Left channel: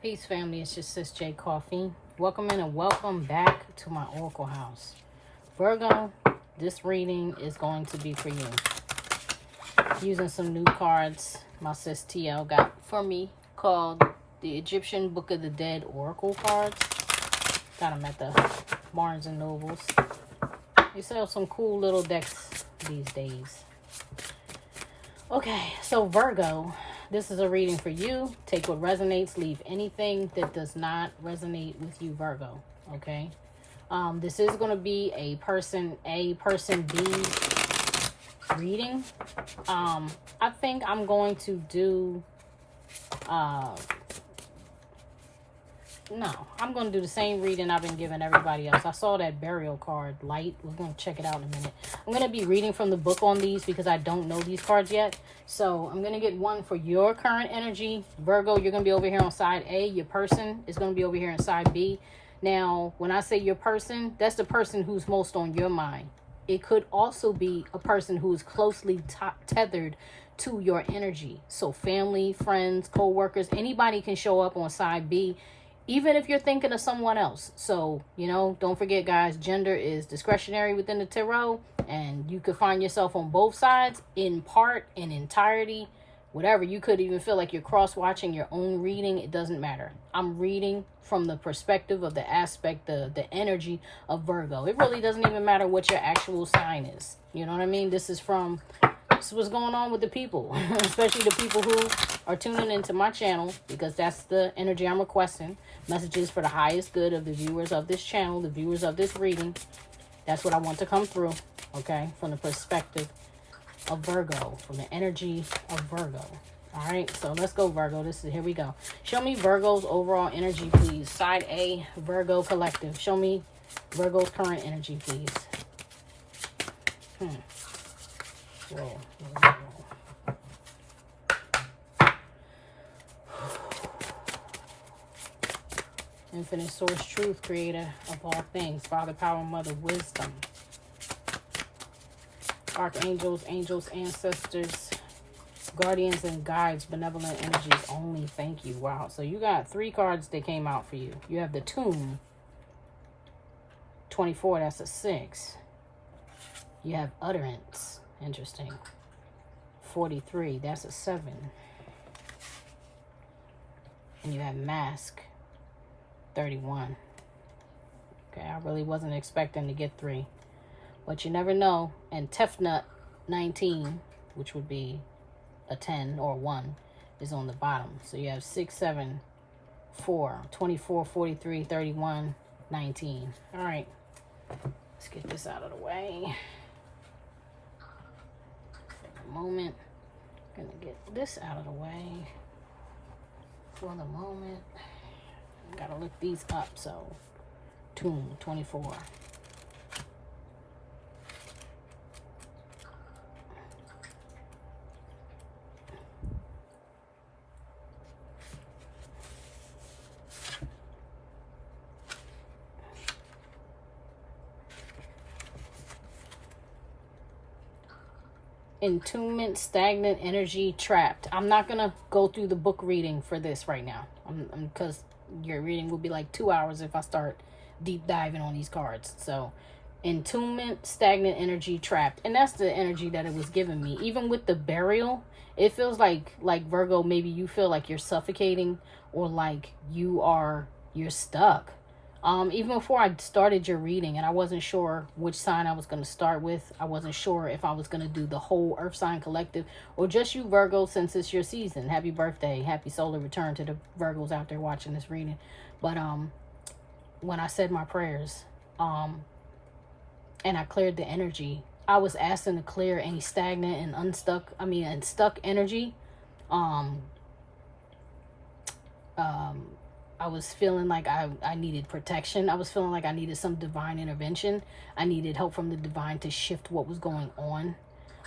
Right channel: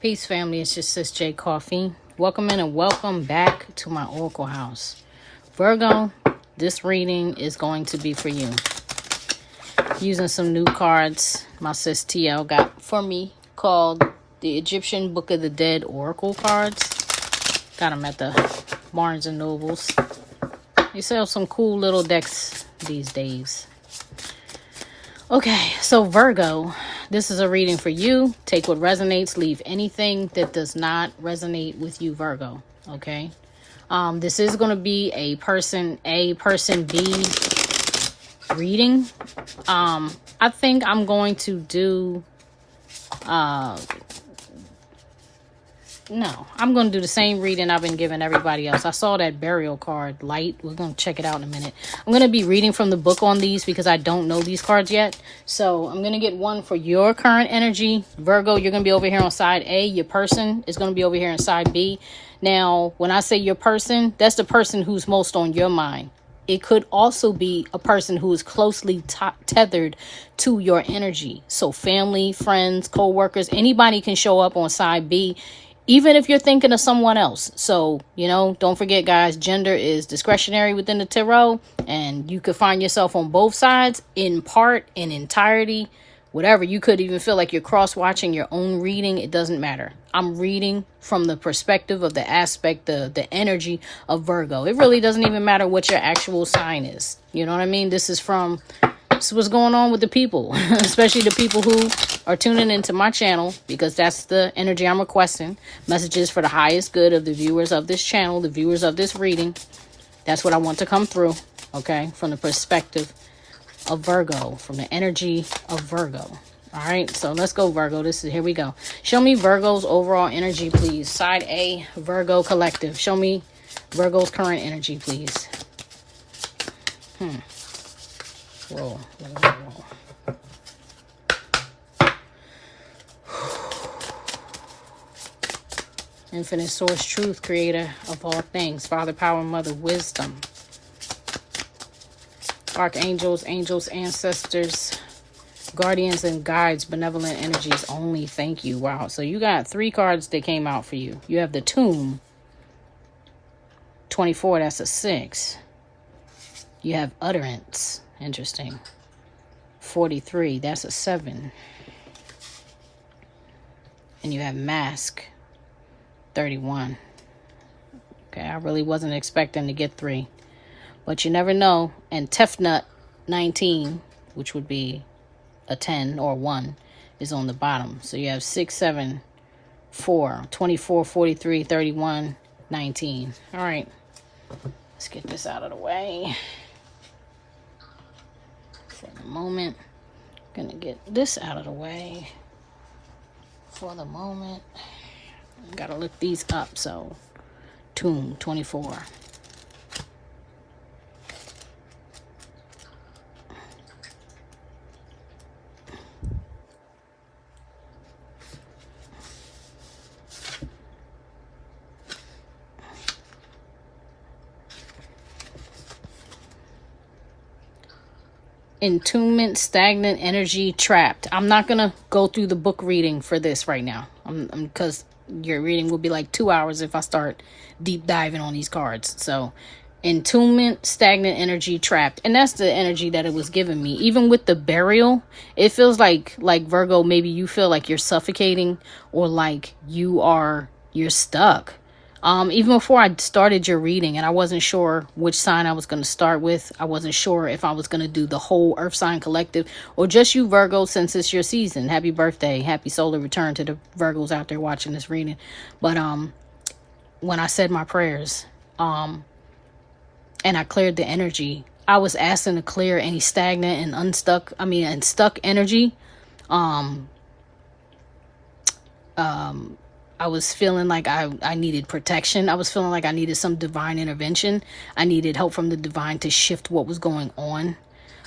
Peace, family. It's just sis j.coffee. Welcome in and welcome back to my Oracle house. Virgo, this reading is going to be for you. Using some new cards my sis TL got for me called the Egyptian Book of the Dead Oracle cards. Got them at the Barnes and Nobles. They sell some cool little decks these days. Okay, so Virgo, this is a reading for you. Take what resonates, leave anything that does not resonate with you, Virgo. Okay, this is going to be a person A, person B reading. I think I'm going to do no, I'm going to do the same reading I've been giving everybody else. I saw that burial card, light. We're going to check it out in a minute. I'm going to be reading from the book on these because I don't know these cards yet. So I'm going to get one for your current energy. Virgo, you're going to be over here on side A. Your person is going to be over here on side B. Now, when I say your person, that's the person who's most on your mind. It could also be a person who is closely tethered to your energy. So family, friends, co-workers, anybody can show up on side B, even if you're thinking of someone else. So, don't forget, guys, gender is discretionary within the tarot, and you could find yourself on both sides, in part, in entirety, whatever. You could even feel like you're cross-watching your own reading. It doesn't matter. I'm reading from the perspective of the aspect, the energy of Virgo. It really doesn't even matter what your actual sign is. You know what I mean? This is what's going on with the people, especially the people who are tuning into my channel, because that's the energy I'm requesting. Messages for the highest good of the viewers of this channel, the viewers of this reading. That's what I want to come through, okay? From the perspective of Virgo, from the energy of Virgo. All right, so let's go, Virgo. Here we go. Show me Virgo's overall energy, please. Side A, Virgo Collective. Show me Virgo's current energy, please. Whoa. Infinite source, truth, creator of all things, Father, power, mother, wisdom. Archangels, angels, ancestors, guardians, and guides, benevolent energies only. Thank you. Wow. So you got 3 cards that came out for you. You have the Tomb. 24, that's a 6. You have Utterance. Interesting. 43, that's a 7. And you have Mask. 31. Okay, I really wasn't expecting to get 3. But you never know. And Tefnut 19, which would be a 10 or 1, is on the bottom. So you have 6, 7, 4, 24, 43, 31, 19. All right. Let's get this out of the way. For the moment. I'm going to get this out of the way. For the moment. Got to look these up. So, Tomb 24. Entombment, stagnant energy, trapped. I'm not gonna go through the book reading for this right now, because your reading will be like 2 hours if I start deep diving on these cards. So entombment, stagnant energy, trapped, and that's the energy that it was giving me. Even with the burial, it feels like Virgo, maybe you feel like you're suffocating, or like you're stuck. Even before I started your reading, and I wasn't sure which sign I was going to start with. I wasn't sure if I was going to do the whole Earth sign collective or just you, Virgo, since it's your season. Happy birthday. Happy solar return to the Virgos out there watching this reading. But when I said my prayers, and I cleared the energy, I was asking to clear any stagnant and stuck energy. I was feeling like I needed protection. I was feeling like I needed some divine intervention. I needed help from the divine to shift what was going on.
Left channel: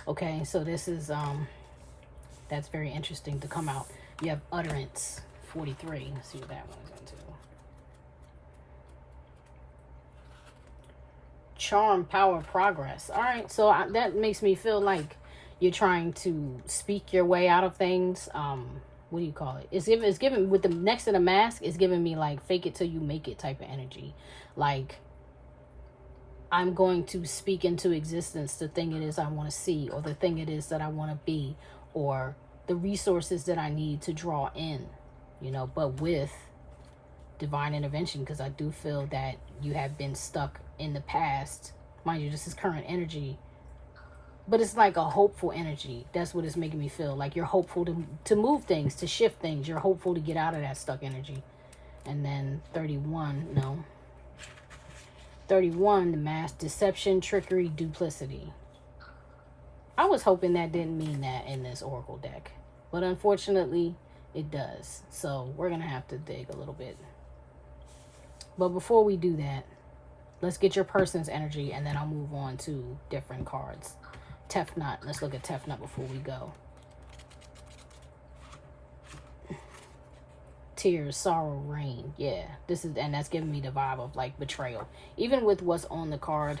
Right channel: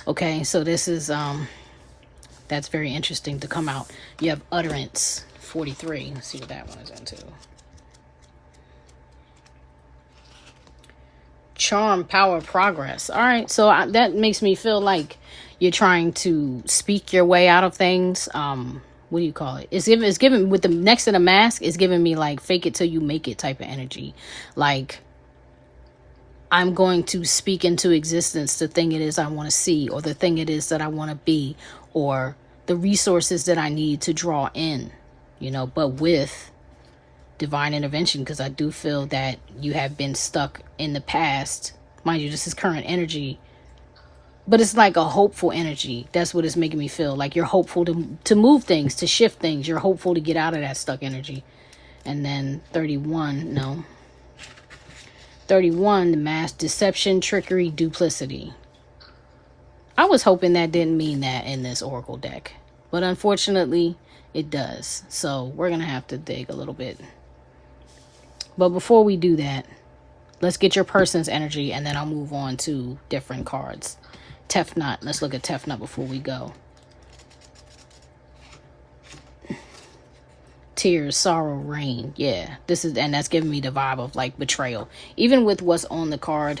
Okay, so this is, that's very interesting to come out. You have Utterance, 43. Let's see what that one is into. Charm, power, progress. All right, so that makes me feel like you're trying to speak your way out of things. what do you call it? It's given with the next to the mask, it's giving me like fake it till you make it type of energy. Like, I'm going to speak into existence the thing it is I want to see, or the thing it is that I want to be, or the resources that I need to draw in, you know, but with divine intervention, because I do feel that you have been stuck in the past. Mind you, this is current energy, but it's like a hopeful energy. That's what it's making me feel. Like you're hopeful to move things, to shift things. You're hopeful to get out of that stuck energy. And then 31, no. 31, the mask, deception, trickery, duplicity. I was hoping that didn't mean that in this Oracle deck, but unfortunately it does. So we're going to have to dig a little bit. But before we do that, let's get your person's energy, and then I'll move on to different cards. Tefnut. Let's look at Tefnut before we go. Tears, sorrow, rain. Yeah, this is, and that's giving me the vibe of like betrayal. Even with what's on the card,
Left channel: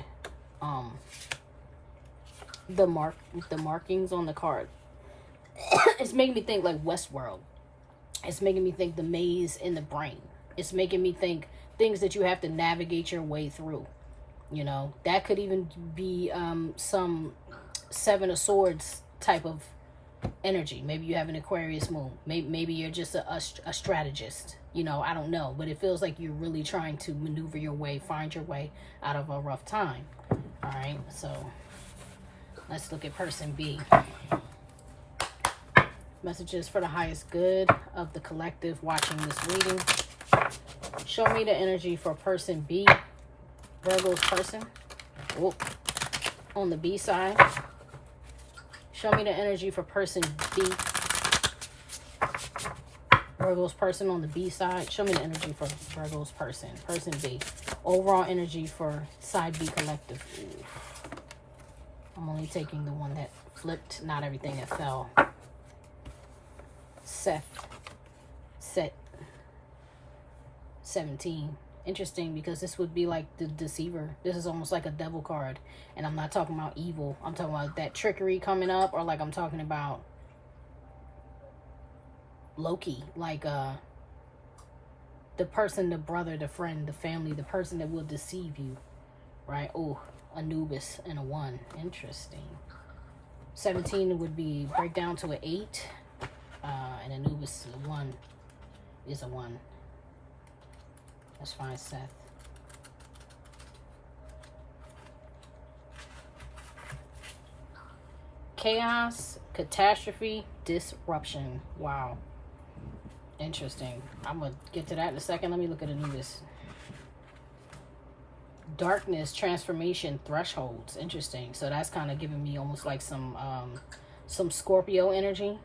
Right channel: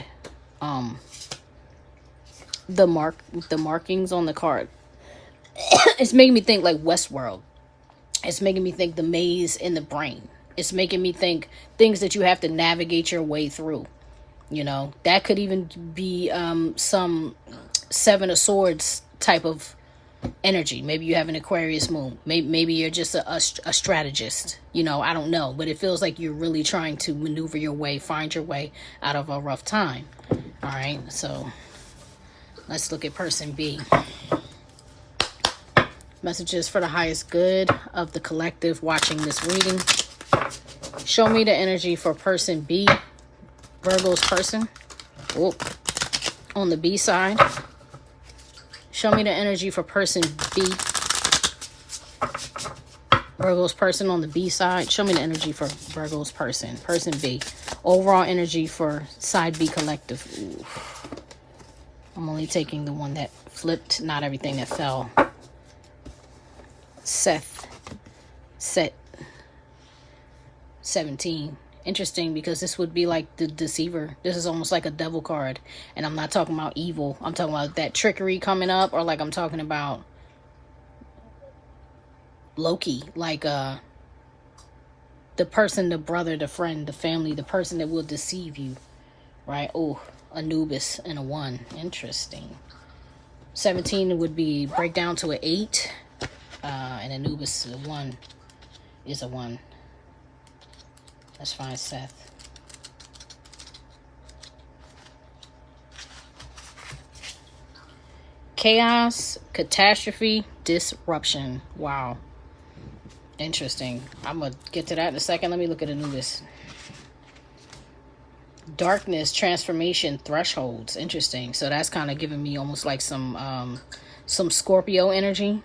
the markings on the card, it's making me think like Westworld. It's making me think the maze in the brain. It's making me think things that you have to navigate your way through. You know, that could even be some Seven of Swords type of energy. Maybe you have an Aquarius moon. Maybe you're just a strategist. You know, I don't know. But it feels like you're really trying to maneuver your way, find your way out of a rough time. All right, so let's look at person B. Messages for the highest good of the collective watching this reading. Show me the energy for person B, Virgo's person. Oh, on the B side. Show me the energy for person B, Virgo's person on the B side. Show me the energy for Virgo's person, person B. Overall energy for side B collective. Ooh. I'm only taking the one that flipped, not everything that fell. Set 17. Interesting, because this would be like the deceiver. This is almost like a devil card, and I'm not talking about evil. I'm talking about that trickery coming up, or like I'm talking about Loki, like the person, the brother, the friend, the family, the person that will deceive you, right? Oh, Anubis and a 1. Interesting. 17 would be break down to an 8, and Anubis, a 1 is a 1. Let's find Seth. Chaos, catastrophe, disruption. Wow. Interesting. I'm going to get to that in a second. Let me look at Anubis. Darkness, transformation, thresholds. Interesting. So that's kind of giving me almost like some Scorpio energy.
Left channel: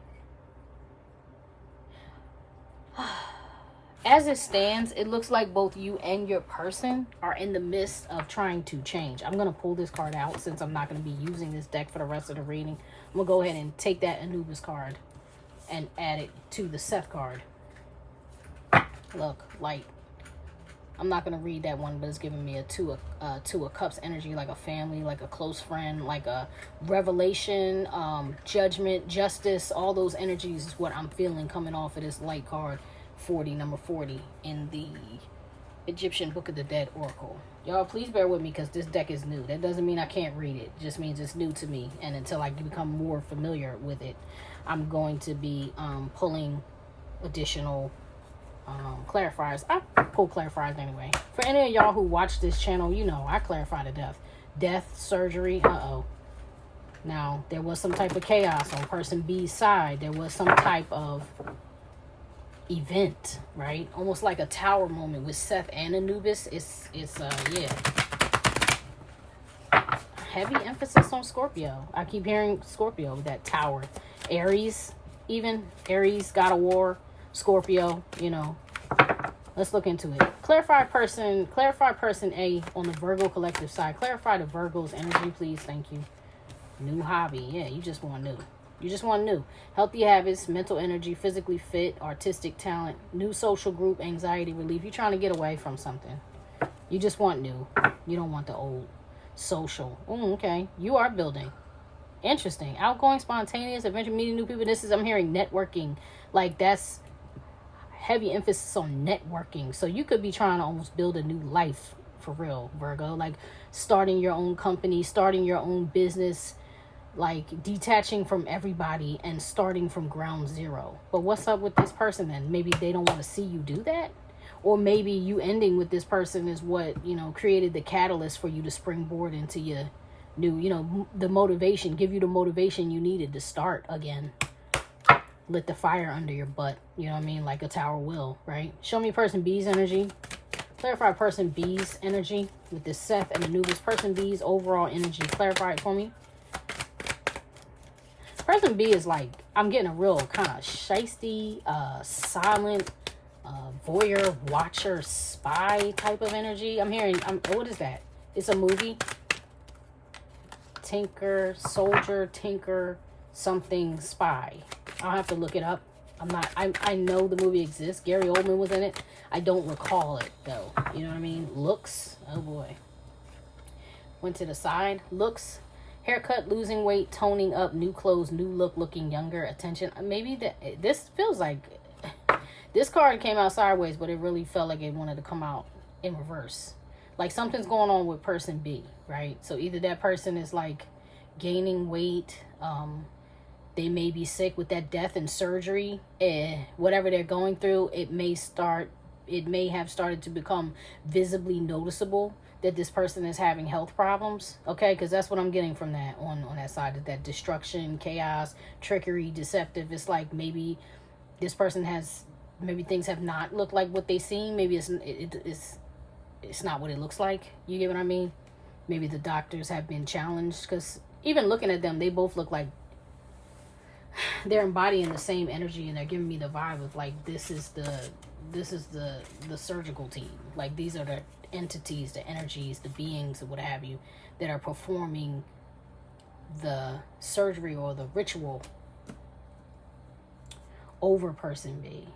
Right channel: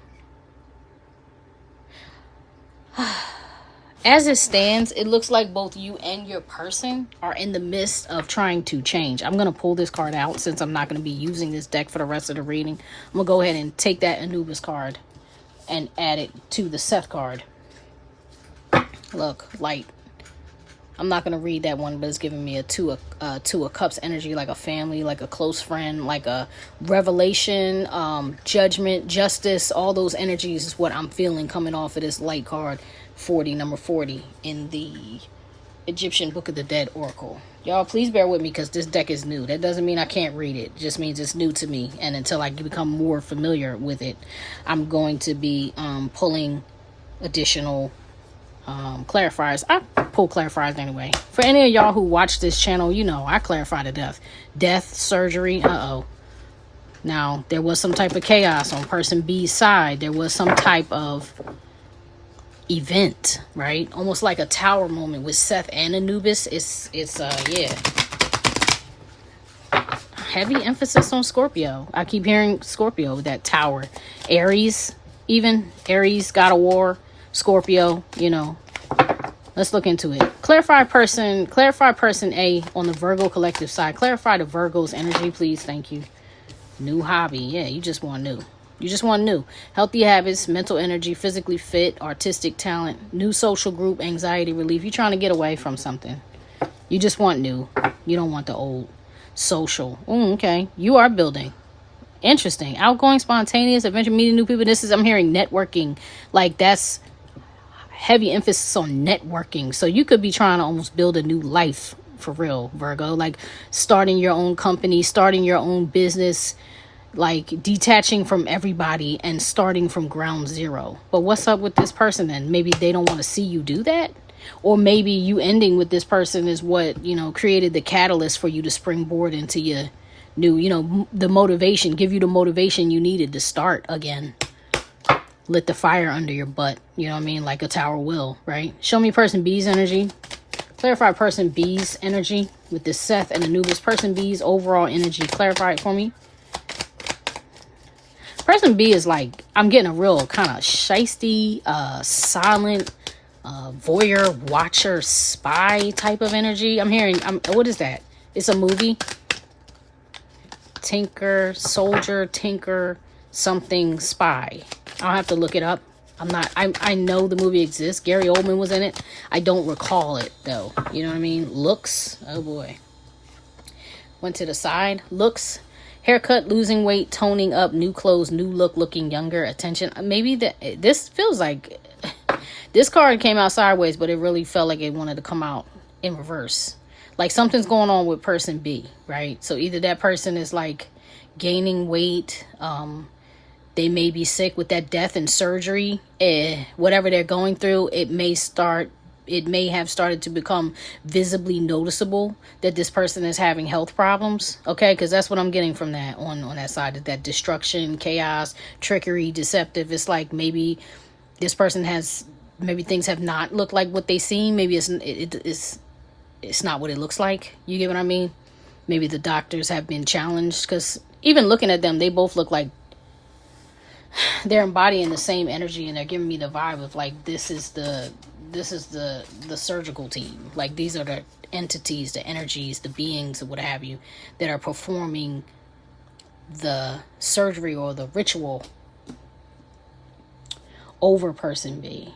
As it stands, it looks like both you and your person are in the midst of trying to change. I'm going to pull this card out since I'm not going to be using this deck for the rest of the reading. I'm going to go ahead and take that Anubis card and add it to the Seth card. Look, light. I'm not going to read that one, but it's giving me a two of cups energy, like a family, like a close friend, like a revelation, judgment, justice. All those energies is what I'm feeling coming off of this light card. 40, number 40 in the Egyptian Book of the Dead Oracle. Y'all, please bear with me because this deck is new. That doesn't mean I can't read it. It just means it's new to me. And until I become more familiar with it, I'm going to be pulling additional clarifiers. I pull clarifiers anyway. For any of y'all who watch this channel, you know I clarify to death. Death, surgery, Now, there was some type of chaos on person B's side. There was some type of event, right? Almost like a tower moment with Seth and Anubis. It's yeah, heavy emphasis on Scorpio. I keep hearing Scorpio, that tower. Aries, even Aries, God of War, Scorpio, you know. Let's look into it. Clarify person A on the Virgo collective side. Clarify the Virgo's energy, please. Thank you. New hobby. Yeah, you just want new. You just want new. Healthy habits, mental energy, physically fit, artistic talent, new social group, anxiety relief. You're trying to get away from something. You just want new. You don't want the old. Social. Okay. You are building. Interesting. Outgoing, spontaneous, adventure, meeting new people. This is, I'm hearing networking. Like, that's heavy emphasis on networking. So you could be trying to almost build a new life for real, Virgo. Like starting your own company, starting your own business, like detaching from everybody and starting from ground zero. But what's up with this person then? Maybe they don't want to see you do that. Or maybe you ending with this person is what, you know, created the catalyst for you to springboard into your new, you know, the motivation, give you the motivation you needed to start again. Lit the fire under your butt, you know what I mean? Like a tower will, right? Show me person B's energy. Clarify person B's energy with this Seth and Anubis. Person B's overall energy. Clarify it for me. Person B is like, I'm getting a real kind of shisty, silent, voyeur, watcher, spy type of energy. I'm hearing, what is that? It's a movie. Tinker, soldier, tinker, something, spy. I'll have to look it up. I know the movie exists. Gary Oldman was in it. I don't recall it though. You know what I mean? Looks. Oh boy. Went to the side. Looks. Haircut, losing weight, toning up, new clothes, new look, looking younger, attention. Maybe this feels like this card came out sideways, but it really felt like it wanted to come out in reverse. Like something's going on with person B, right? So either that person is like gaining weight, they may be sick with that death and surgery, whatever they're going through, it may have started to become visibly noticeable that this person is having health problems, okay? Because that's what I'm getting from that on that side, that destruction, chaos, trickery, deceptive. It's like maybe this person maybe things have not looked like what they seem. Maybe it's not what it looks like. You get what I mean? Maybe the doctors have been challenged, because even looking at them, they both look like they're embodying the same energy, and they're giving me the vibe of like, this is the surgical team. Like these are the entities, the energies, the beings, or what have you, that are performing the surgery or the ritual over person B.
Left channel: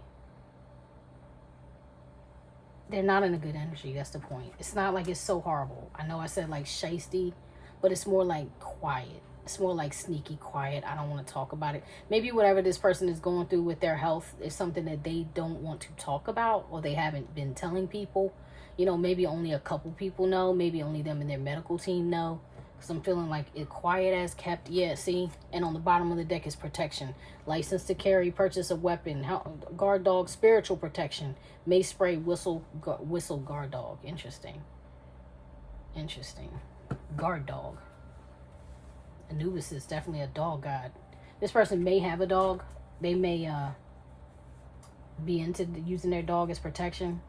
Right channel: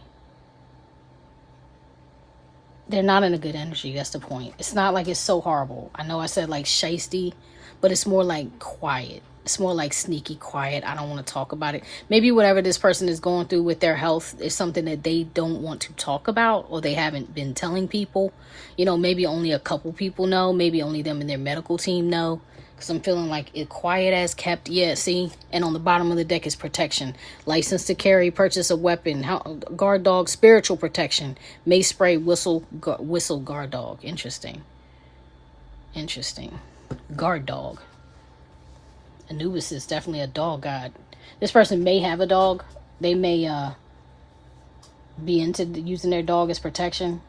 They're not in a good energy. That's the point. It's not like it's so horrible. I know I said like shisty, but it's more like quiet. It's more like sneaky quiet. I don't want to talk about it. Maybe whatever this person is going through with their health is something that they don't want to talk about, or they haven't been telling people. You know, maybe only a couple people know. Maybe only them and their medical team know. Because I'm feeling like it quiet as kept. Yeah, see? And on the bottom of the deck is protection. License to carry, purchase a weapon, guard dog, spiritual protection, mace spray, whistle, guard dog. Interesting. Guard dog. Anubis is definitely a dog god. This person may have a dog. They may be into using their dog as protection.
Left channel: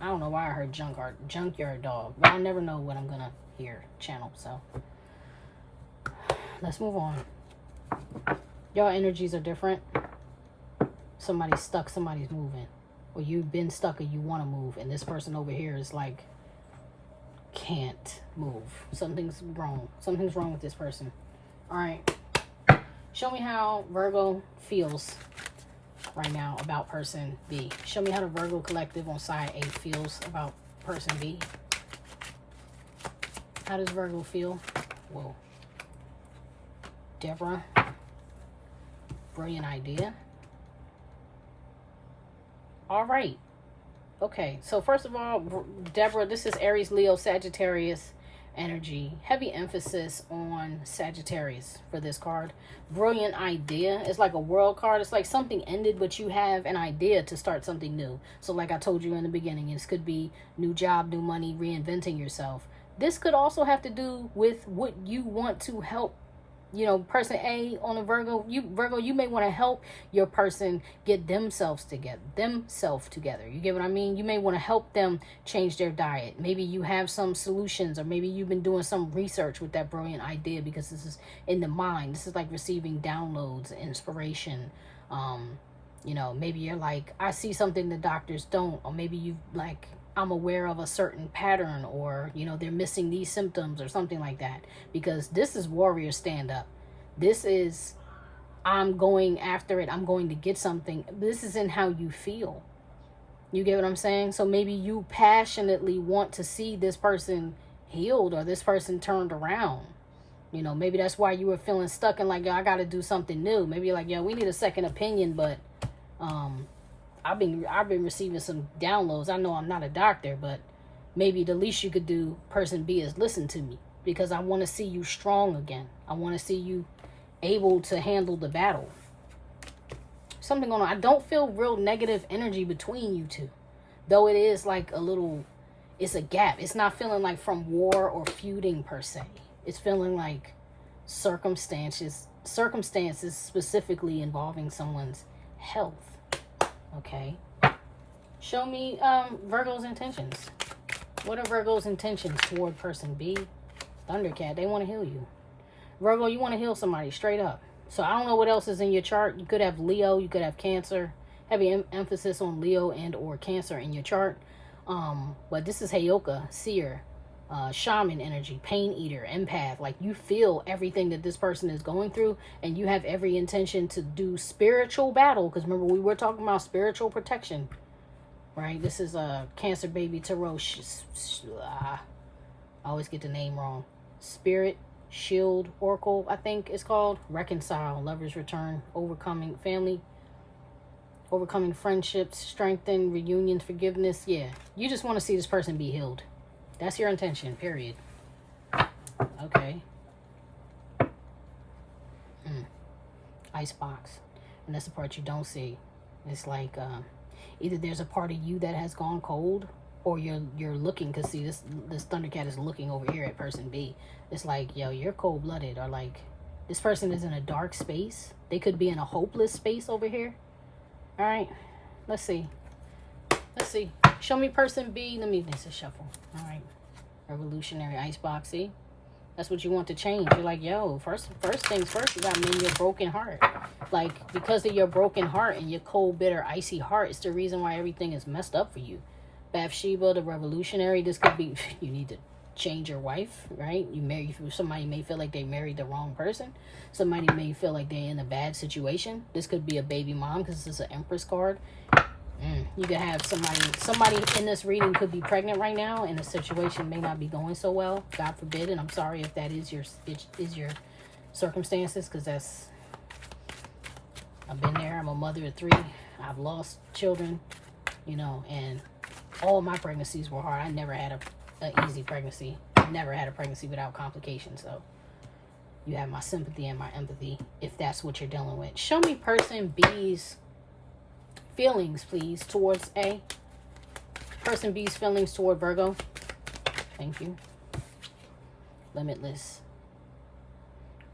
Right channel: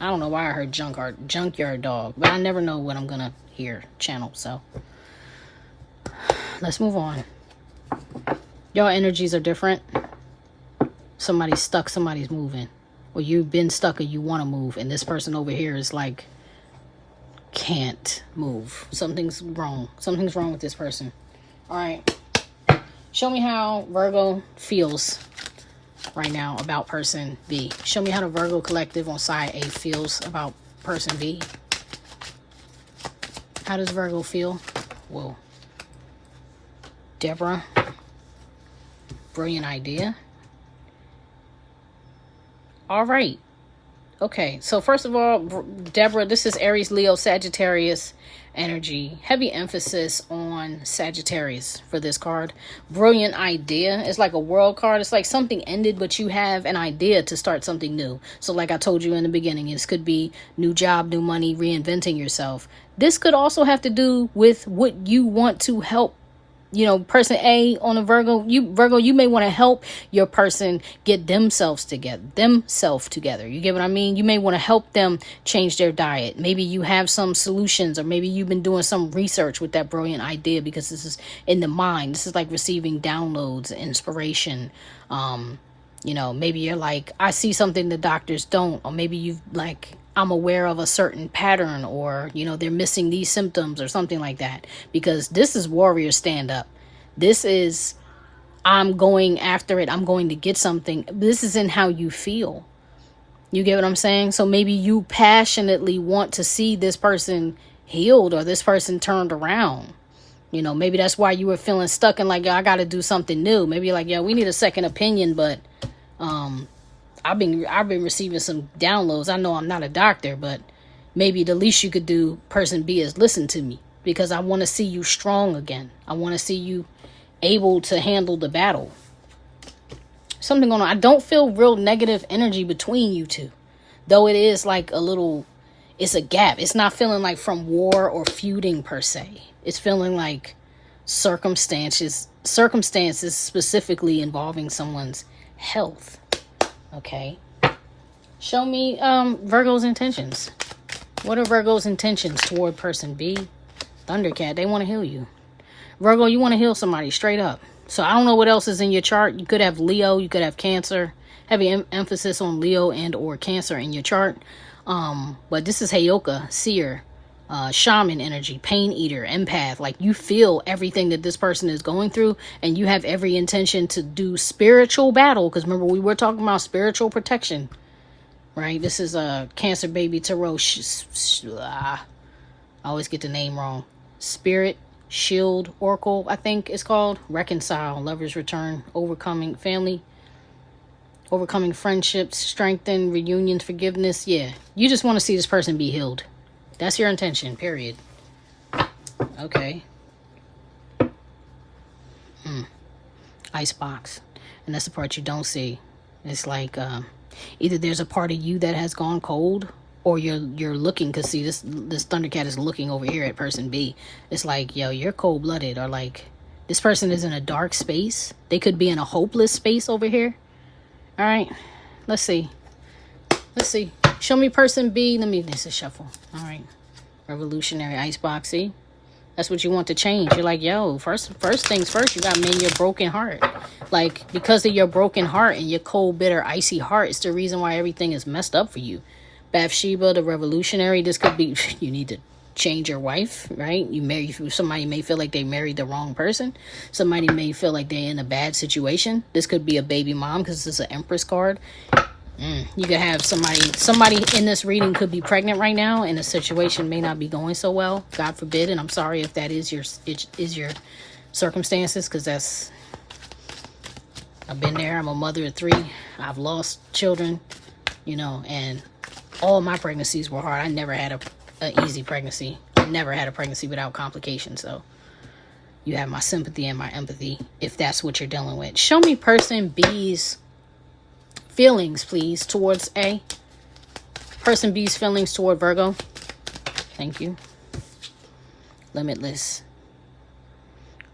I don't know why I heard junkyard dog, but I never know what I'm gonna hear channel. So let's move on. Your energies are different. Somebody's stuck, somebody's moving, or you've been stuck or you want to move, and this person over here is like can't move. Something's wrong with this person. All right, show me how Virgo feels right now about person B. Show me how the Virgo collective on side A feels about person B. How does Virgo feel? Whoa. Deborah. Brilliant idea. All right. Okay, so first of all, Deborah, this is Aries, Leo, Sagittarius energy. Heavy emphasis on Sagittarius for this card. Brilliant idea. It's like a world card. It's like something ended, but you have an idea to start something new. So like I told you in the beginning, this could be new job, new money, reinventing yourself. This could also have to do with what you want to help. You know, person A on a Virgo, you may want to help your person get themselves together. You get what I mean? You may want to help them change their diet. Maybe you have some solutions, or maybe you've been doing some research with that brilliant idea, because this is in the mind. This is like receiving downloads, inspiration. You know, maybe you're like, I see something the doctors don't, or maybe you've like, I'm aware of a certain pattern, or, you know, they're missing these symptoms or something like that. Because this is warrior stand up. This is, I'm going after it. I'm going to get something. This is in how you feel. You get what I'm saying? So maybe you passionately want to see this person healed, or this person turned around. You know, maybe that's why you were feeling stuck and like, I got to do something new. Maybe like, we need a second opinion, but I've been receiving some downloads. I know I'm not a doctor, but maybe the least you could do, person B, is listen to me, because I want to see you strong again. I want to see you able to handle the battle. Something going on. I don't feel real negative energy between you two, though it is like it's a gap. It's not feeling like from war or feuding per se. It's feeling like circumstances specifically involving someone's health. Okay. Show me Virgo's intentions. What are Virgo's intentions toward person B? Thundercat, they want to heal you. Virgo, you want to heal somebody straight up. So I don't know what else is in your chart. You could have Leo, you could have Cancer. Heavy emphasis on Leo and or Cancer in your chart. But this is Heyoka, seer, shaman energy, pain eater, empath. Like, you feel everything that this person is going through, and you have every intention to do spiritual battle. Because remember, we were talking about spiritual protection, right? This is a Cancer baby tarot. I always get the name wrong. Spirit Shield Oracle, I think it's called. Reconcile, Lover's Return, overcoming family, overcoming friendships, strengthen, reunions, forgiveness. Yeah, you just want to see this person be healed. That's your intention, period. Okay. Icebox. And that's the part you don't see. It's like either there's a part of you that has gone cold, or you're looking, because see, this Thundercat is looking over here at person B. It's like, yo, you're cold-blooded, or like this person is in a dark space. They could be in a hopeless space over here. All right, let's see. Show me person B. This is shuffle. All right. Revolutionary icebox. See? That's what you want to change. You're like, yo, first things first, you got to mend your broken heart. Like, because of your broken heart and your cold, bitter, icy heart, it's the reason why everything is messed up for you. Bathsheba, the revolutionary. This could be, you need to change your wife, right? Somebody may feel like they married the wrong person. Somebody may feel like they're in a bad situation. This could be a baby mom, because this is an Empress card. You could have somebody in this reading could be pregnant right now, and the situation may not be going so well. God forbid, and I'm sorry if that is your circumstances, because I've been there. I'm a mother of 3. I've lost children, and all my pregnancies were hard. I never had an easy pregnancy. I never had a pregnancy without complications. So you have my sympathy and my empathy if that's what you're dealing with. Show me person B's feelings, please, towards A. Person B's feelings toward Virgo. Thank you. Limitless.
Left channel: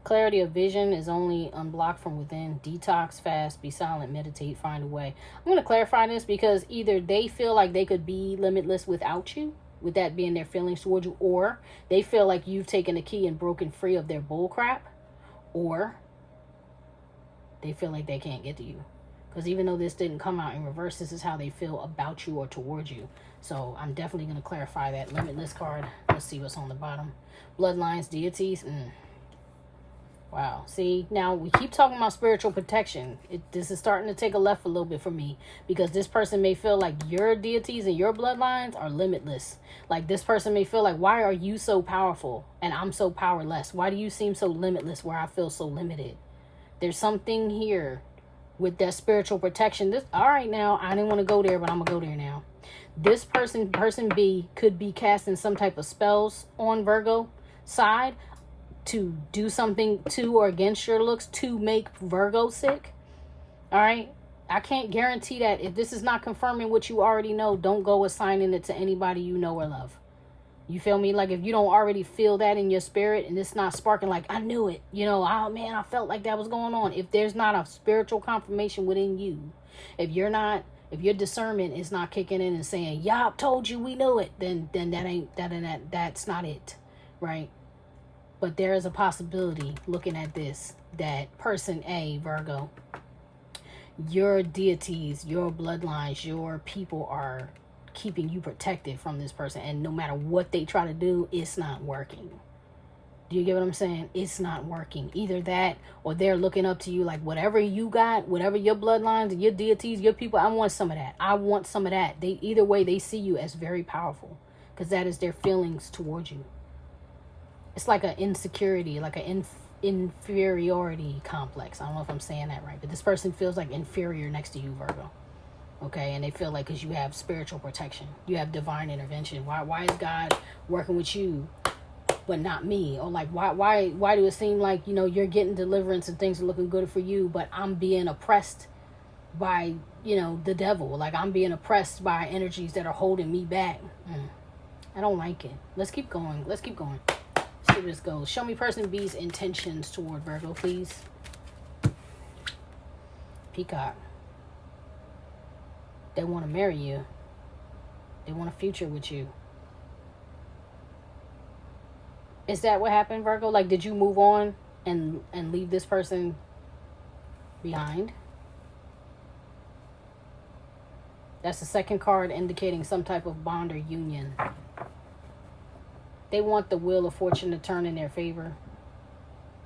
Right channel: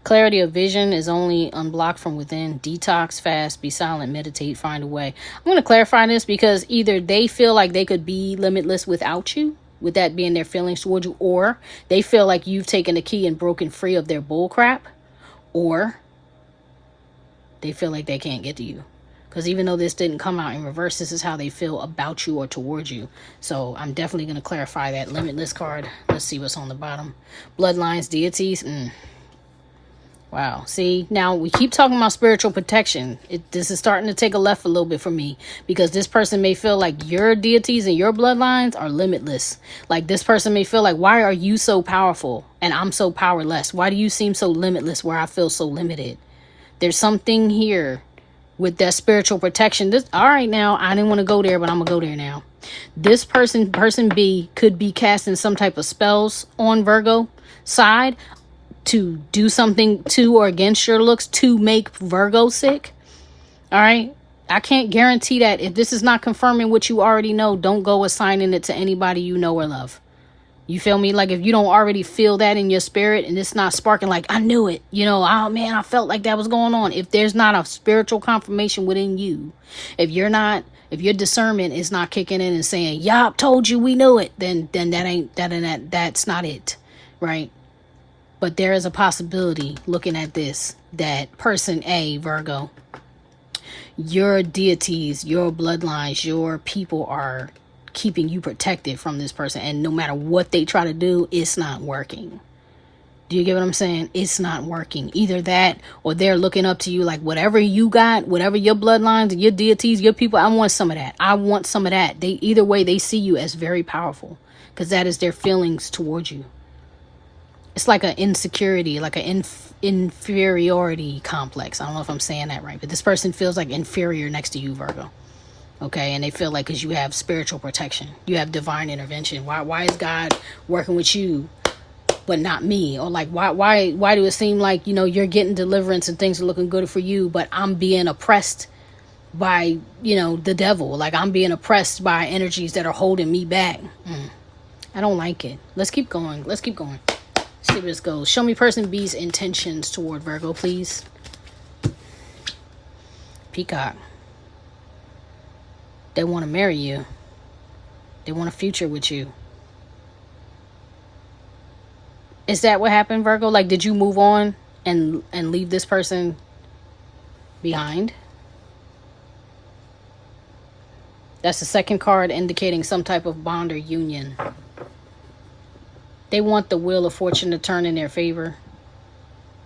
Clarity of vision is only unblocked from within. Detox, fast, be silent, meditate, find a way. I'm going to clarify this, because either they feel like they could be limitless without you, with that being their feelings towards you, or they feel like you've taken the key and broken free of their bull crap, or they feel like they can't get to you. Because even though this didn't come out in reverse, this is how they feel about you or towards you. So I'm definitely going to clarify that. Limitless card. Let's see what's on the bottom. Bloodlines, deities. Wow. See, now we keep talking about spiritual protection. This is starting to take a left a little bit for me, because this person may feel like your deities and your bloodlines are limitless. Like, this person may feel like, why are you so powerful and I'm so powerless? Why do you seem so limitless where I feel so limited? There's something here with that spiritual protection. All right, now, I didn't want to go there, but I'm going to go there now. This person B, could be casting some type of spells on Virgo side to do something to or against your looks to make Virgo sick. All right. I can't guarantee that. If this is not confirming what you already know, don't go assigning it to anybody you know or love. You feel me? Like, if you don't already feel that in your spirit and it's not sparking like, I knew it, oh man, I felt like that was going on. If there's not a spiritual confirmation within you, if your discernment is not kicking in and saying, yup, told you, we knew it, then that's not it. Right? But there is a possibility, looking at this, that person A, Virgo, your deities, your bloodlines, your people are keeping you protected from this person, and no matter what they try to do, it's not working. Do you get what I'm saying? It's not working. Either that, or they're looking up to you like, whatever you got, whatever your bloodlines, your deities, your people, I want some of that. I want some of that. Either way, they see you as very powerful, because that is their feelings towards you. it's like an insecurity, like an inferiority complex. I don't know if I'm saying that right, but this person feels like inferior next to you, Virgo. Okay, and they feel like because you have spiritual protection, you have divine intervention. Why is God working with you but not me? Or like why do it seem like, you know, you're getting deliverance and things are looking good for you, but I'm being oppressed by, you know, the devil? Like I'm being oppressed by energies that are holding me back. I don't like it. Let's keep going. Let's keep going. See where this goes. Show me person B's intentions toward Virgo, please. Peacock. They want to marry you. They want a future with you. Is that what happened, Virgo? Like, did you move on and leave this person behind? That's the second card indicating some type of bond or union. They want the wheel of fortune to turn in their favor.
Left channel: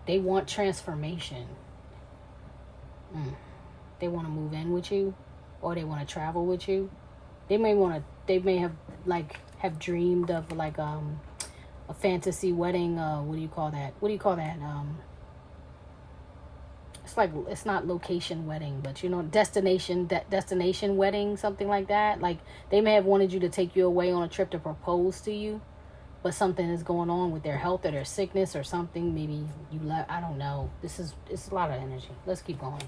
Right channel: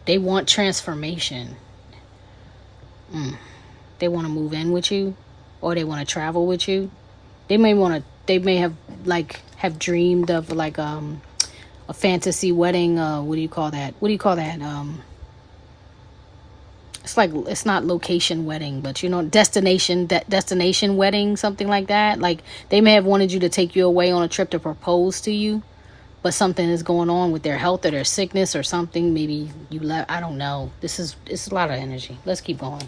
They want transformation. They want to move in with you, or they want to travel with you. They may have dreamed of like a fantasy wedding. What do you call that? It's like, it's not location wedding, but you know, destination wedding, something like that. Like they may have wanted you to take you away on a trip to propose to you, but something is going on with their health or their sickness or something. Maybe you left. I don't know. It's a lot of energy. Let's keep going.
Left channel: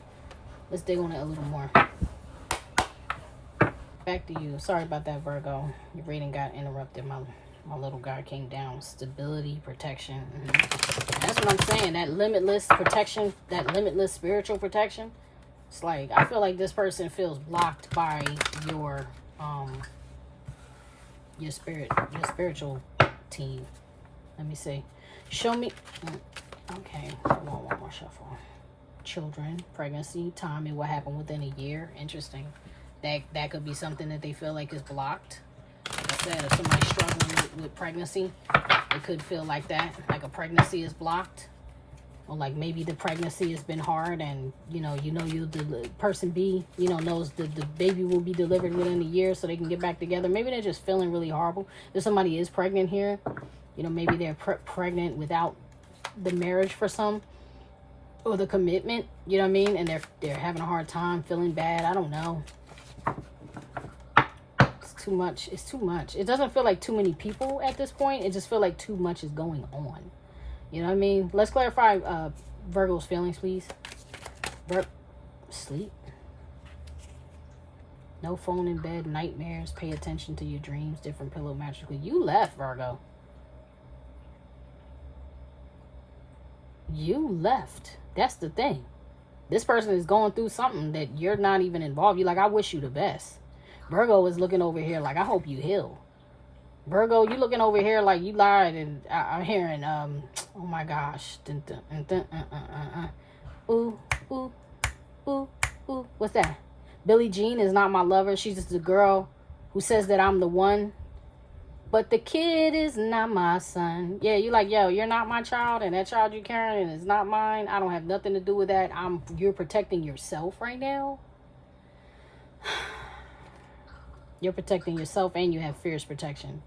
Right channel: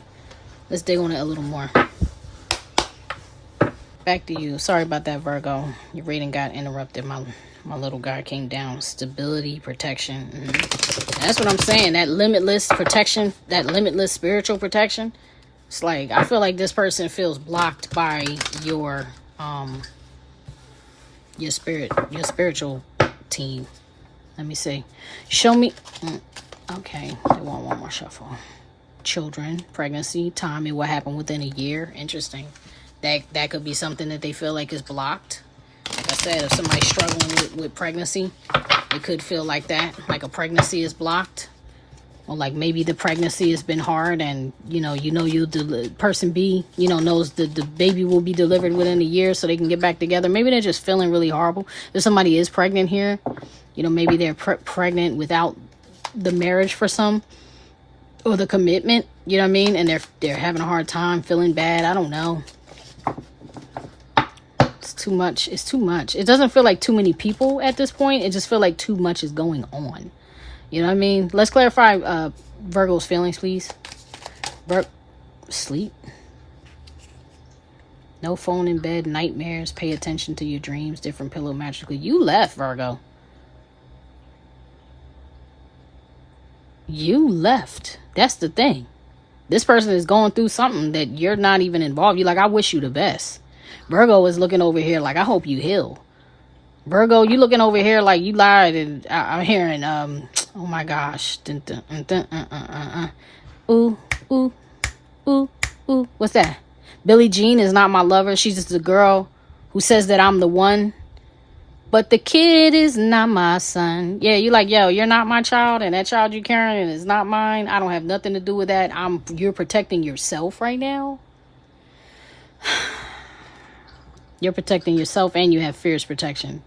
Let's dig on it a little more. Back to you. Sorry about that, Virgo. Your reading got interrupted. My little guy came down. Stability, protection. That's what I'm saying. That limitless protection, that limitless spiritual protection. It's like, I feel like this person feels blocked by your spiritual team. Let me see. Show me. Okay, they want one more shuffle. Children, pregnancy, time, and what happened within a year. Interesting. That could be something that they feel like is blocked. Like I said, if somebody's struggling with pregnancy, it could feel like that, like a pregnancy is blocked, or like maybe the pregnancy has been hard, and person B, knows the baby will be delivered within a year, so they can get back together. Maybe they're just feeling really horrible. If somebody is pregnant here, maybe they're pregnant without the marriage for some, or the commitment. You know what I mean? And they're having a hard time, feeling bad. I don't know. Too much. It's too much. It doesn't feel like too many people at this point. It just feels like too much is going on. You know what I mean? Let's clarify Virgo's feelings, please. Sleep. No phone in bed. Nightmares. Pay attention to your dreams. Different pillow magically. You left, Virgo. You left. That's the thing. This person is going through something that you're not even involved. You're like, I wish you the best. Virgo is looking over here like, I hope you heal. Virgo, you looking over here like you lied, and I'm hearing, oh my gosh. Ooh, ooh, ooh, ooh. What's that? Billie Jean is not my lover. She's just a girl who says that I'm the one. But the kid is not my son. Yeah, you like, yo, you're not my child, and that child you carrying is not mine. I don't have nothing to do with that. You're protecting yourself right now. You're protecting yourself, and you have fierce protection.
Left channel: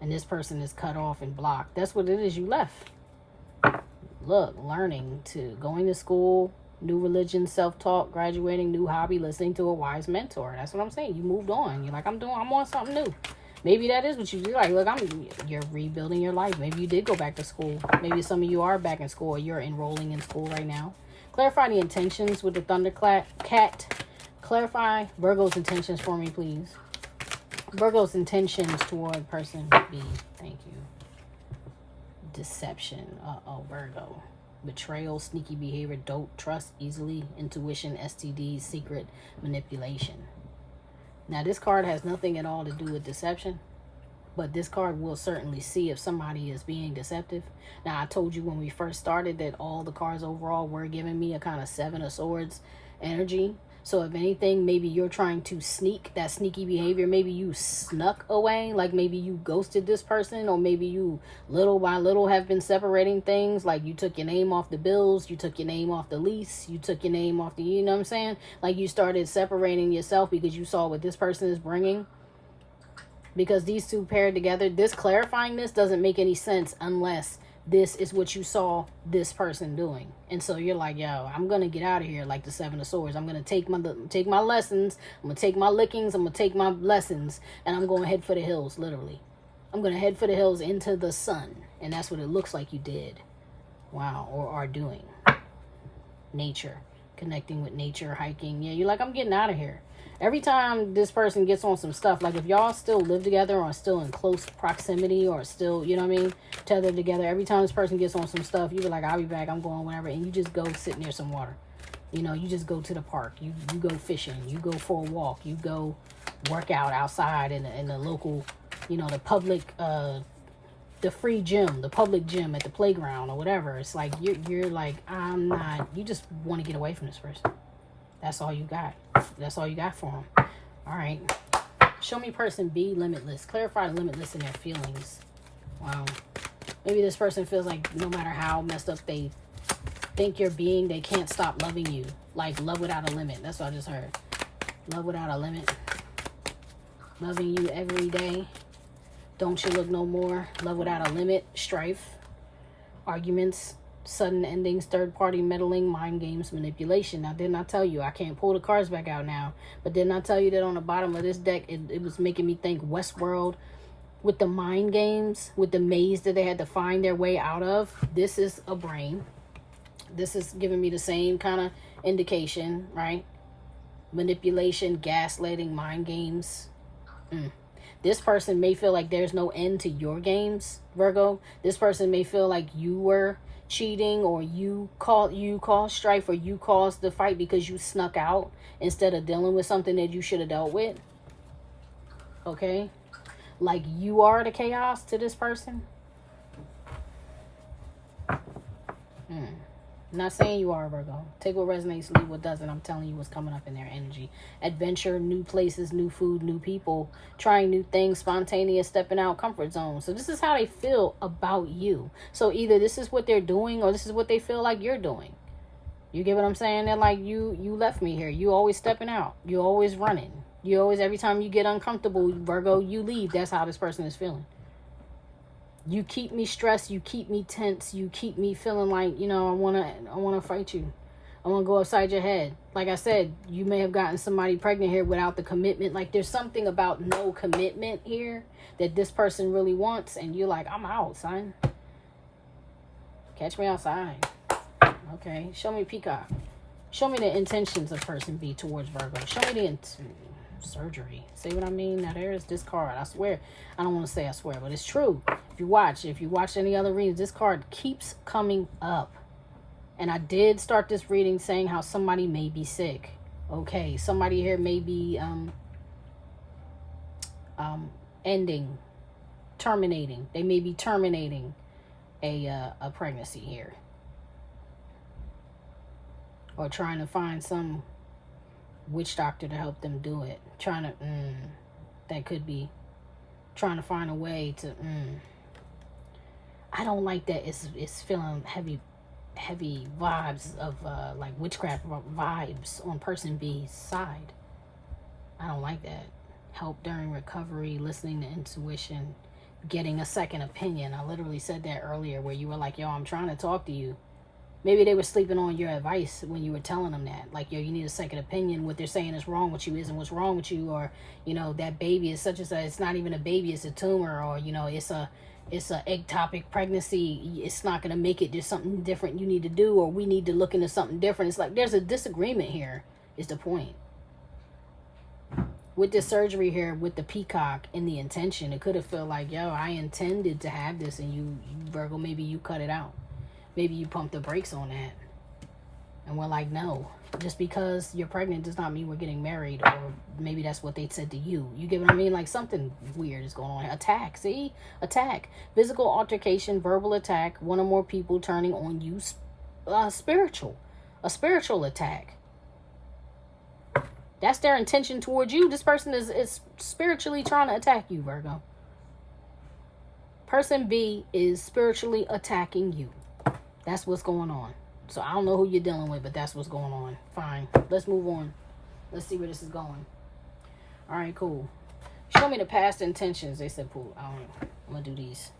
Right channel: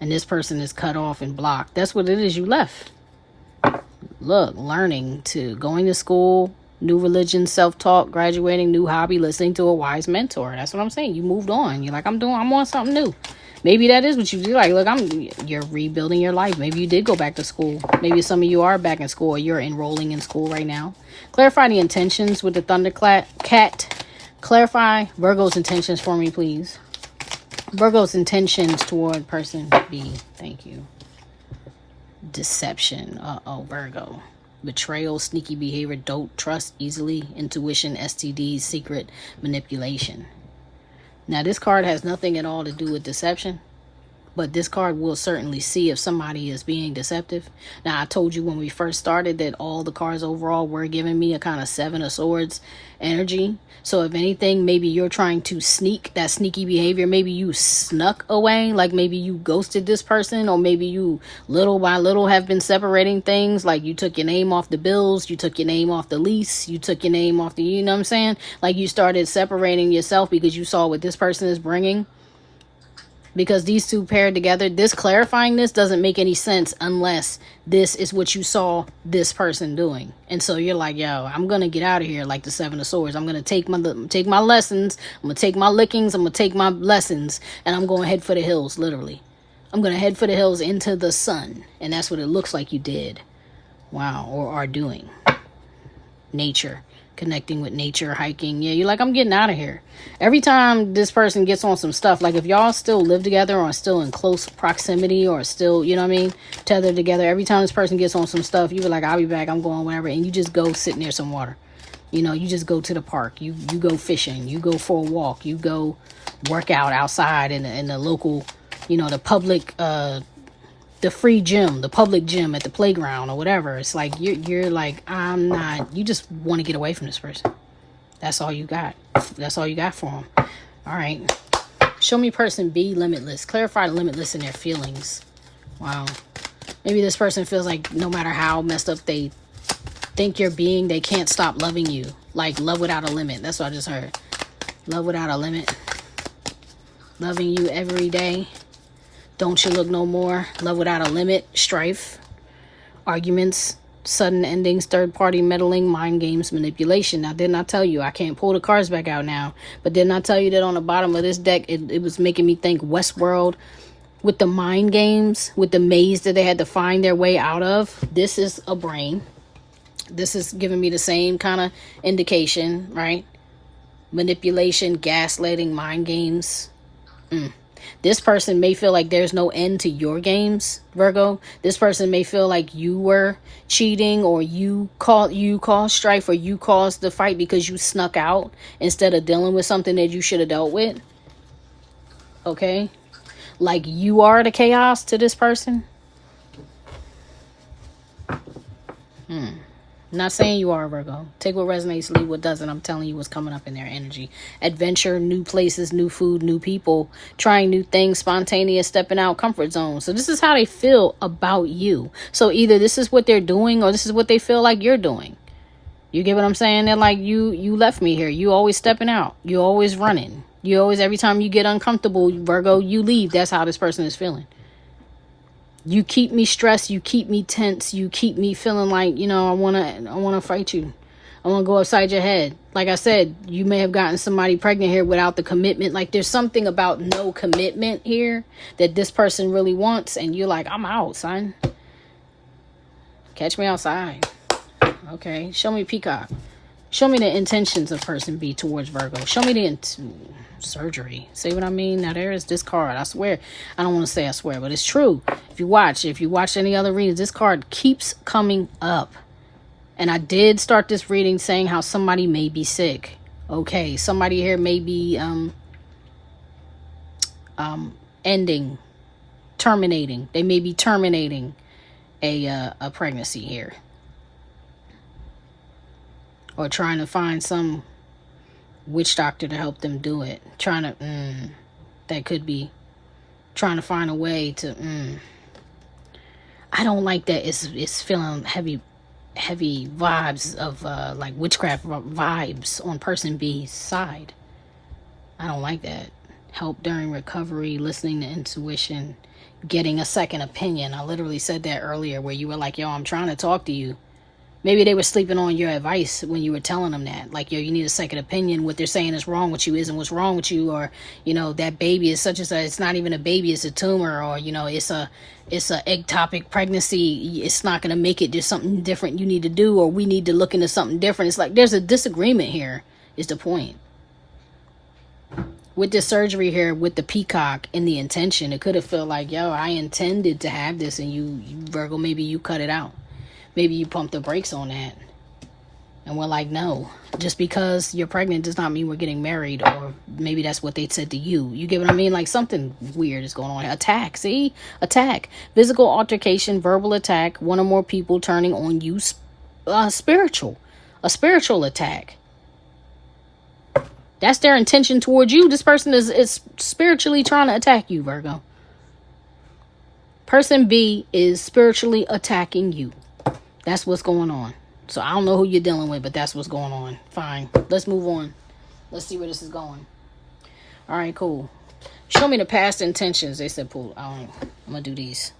And this person is cut off and blocked. That's what it is. You left. Look, going to school, new religion, self-talk, graduating, new hobby, listening to a wise mentor. That's what I'm saying. You moved on. You're like, I'm on something new. Maybe that is what you do. Like, look, you're rebuilding your life. Maybe you did go back to school. Maybe some of you are back in school, or you're enrolling in school right now. Clarify the intentions with the Thundercat. Clarify Virgo's intentions for me, please. Virgo's intentions toward person B. Thank you. Deception. Virgo. Betrayal, sneaky behavior, don't trust easily, intuition, STDs, secret, manipulation. Now, this card has nothing at all to do with deception, but this card will certainly see if somebody is being deceptive. Now, I told you when we first started that all the cards overall were giving me a kind of Seven of Swords energy. So if anything, maybe you're trying to sneak that sneaky behavior. Maybe you snuck away, like maybe you ghosted this person, or maybe you little by little have been separating things. Like you took your name off the bills, you took your name off the lease, you took your name off the, you know what I'm saying? Like you started separating yourself because you saw what this person is bringing. Because these two paired together, this clarifying this doesn't make any sense unless this is what you saw this person doing. And so you're like, yo, I'm gonna get out of here, like the Seven of Swords. I'm gonna take my lessons, I'm gonna take my lickings, I'm gonna take my lessons, and I'm gonna head for the hills, literally. I'm gonna head for the hills into the sun. And that's what it looks like you did. Wow. Or are doing. Nature. Connecting with nature, hiking. Yeah, you're like, I'm getting out of here. Every time this person gets on some stuff, like if y'all still live together or still in close proximity or still, you know what I mean, tethered together, every time this person gets on some stuff, you be like, I'll be back, I'm going whatever, and you just go sit near some water. You know, you just go to the park, you go fishing, you go for a walk, you go work out outside in the local, you know, the public the free gym, the public gym at the playground or whatever. It's like you're like, I'm not, you just want to get away from this person. That's all you got. That's all you got for them. All right. Show me person B, limitless. Clarify limitless in their feelings. Wow. Maybe this person feels like no matter how messed up they think you're being, they can't stop loving you. Like love without a limit. That's what I just heard. Love without a limit. Loving you every day. Don't you look no more. Love without a limit. Strife. Arguments. Sudden endings. Third party meddling. Mind games. Manipulation. Now, didn't I tell you? I can't pull the cards back out now. But didn't I tell you that on the bottom of this deck, it was making me think Westworld with the mind games, with the maze that they had to find their way out of. This is a brain. This is giving me the same kind of indication, right? Manipulation, gaslighting, mind games. This person may feel like there's no end to your games, Virgo. This person may feel like you were cheating, or you caused strife, or you caused the fight because you snuck out instead of dealing with something that you should have dealt with. Okay? Like you are the chaos to this person. I'm not saying you are, Virgo. Take what resonates, leave what doesn't. I'm telling you what's coming up in their energy. Adventure, new places, new food, new people, trying new things, spontaneous, stepping out, comfort zone. So this is how they feel about you. So either this is what they're doing or this is what they feel like you're doing. You get what I'm saying? They're like, you left me here. You always stepping out. You always running. You always, every time you get uncomfortable, Virgo, you leave. That's how this person is feeling. You keep me stressed, you keep me tense, you keep me feeling like, you know, I wanna fight you. I wanna go upside your head. Like I said, you may have gotten somebody pregnant here without the commitment. Like there's something about no commitment here that this person really wants, and you're like, I'm out, son. Catch me outside. Okay, show me Peacock. Show me the intentions of person B towards Virgo. Show me the surgery. See what I mean? Now there is this card. I swear. I don't want to say I swear, but it's true. If you watch any other readings, this card keeps coming up. And I did start this reading saying how somebody may be sick. Okay, somebody here may be terminating. They may be terminating a pregnancy here. Or trying to find some witch doctor to help them do it. That could be trying to find a way to I don't like that. It's feeling heavy vibes of like witchcraft vibes on person B's side. I don't like that. Help during recovery, listening to intuition, getting a second opinion. I literally said that earlier where you were like, yo, I'm trying to talk to you. Maybe they were sleeping on your advice when you were telling them that. Like, yo, you need a second opinion. What they're saying is wrong with you isn't what's wrong with you. Or, you know, that baby is such as it's not even a baby, it's a tumor. Or, you know, it's a ectopic pregnancy. It's not going to make it. There's something different you need to do. Or we need to look into something different. It's like there's a disagreement here is the point. With the surgery here, with the peacock and the intention, it could have felt like, yo, I intended to have this. And you Virgo, maybe you cut it out. Maybe you pump the brakes on that. And we're like, no. Just because you're pregnant does not mean we're getting married. Or maybe that's what they said to you. You get what I mean? Like something weird is going on. Attack. See? Attack. Physical altercation, verbal attack. One or more people turning on you. Spiritual. A spiritual attack. That's their intention towards you. This person is spiritually trying to attack you, Virgo. Person B is spiritually attacking you. That's what's going on. So I don't know who you're dealing with, but that's what's going on. Fine. Let's move on. Let's see where this is going. All right, cool. Show me the past intentions. They said, "Pull." I'm gonna do these.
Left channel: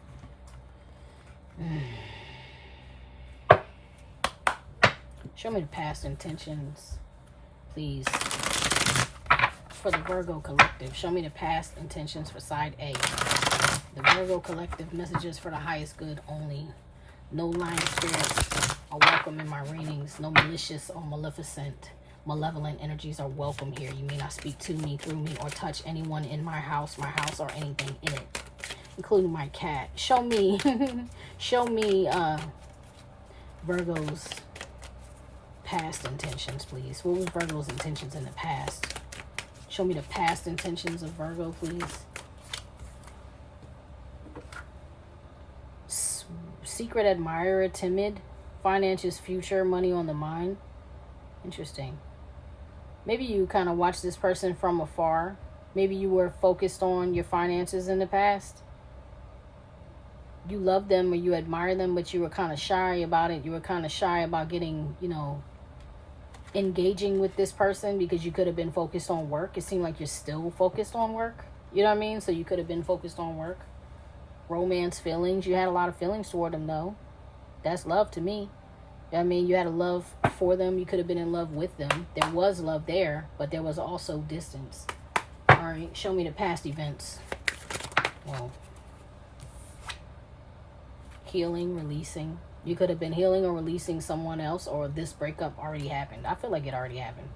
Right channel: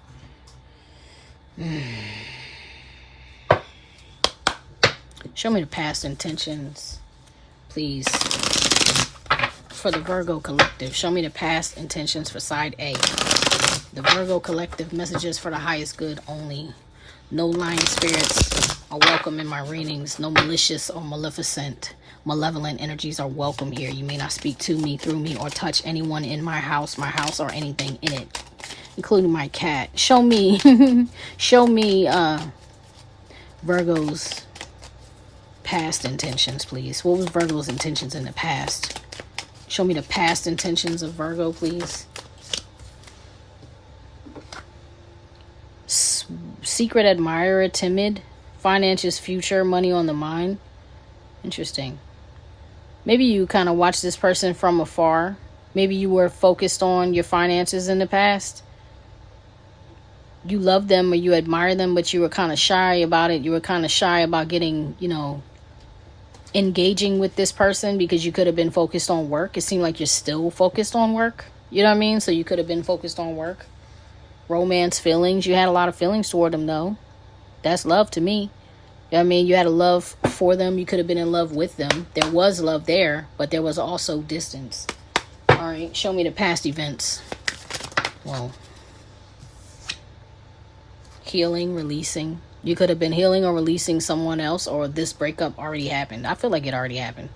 Show me the past intentions, please, for the Virgo collective. Show me the past intentions for side A. The Virgo collective, messages for the highest good only. No lying spirits are welcome in my readings. No malicious or malevolent energies are welcome here. You may not speak to me, through me, or touch anyone in my house, or anything in it, including my cat. Show me, show me Virgo's past intentions, please. What was Virgo's intentions in the past? Show me the past intentions of Virgo, please. Secret admirer, timid, finances, future, money on the mind. Interesting. Maybe you kind of watched this person from afar. Maybe you were focused on your finances in the past. You love them or you admire them, but you were kind of shy about it. You were kind of shy about getting, engaging with this person because you could have been focused on work. It seemed like you're still focused on work. You know what I mean? So you could have been focused on work. Romance, feelings. You had a lot of feelings toward them, though. That's love to me. You know what I mean? You had a love for them. You could have been in love with them. There was love there, but there was also distance. All right, show me the past events. Well, healing, releasing. You could have been healing or releasing someone else, or this breakup already happened. I feel like it already happened.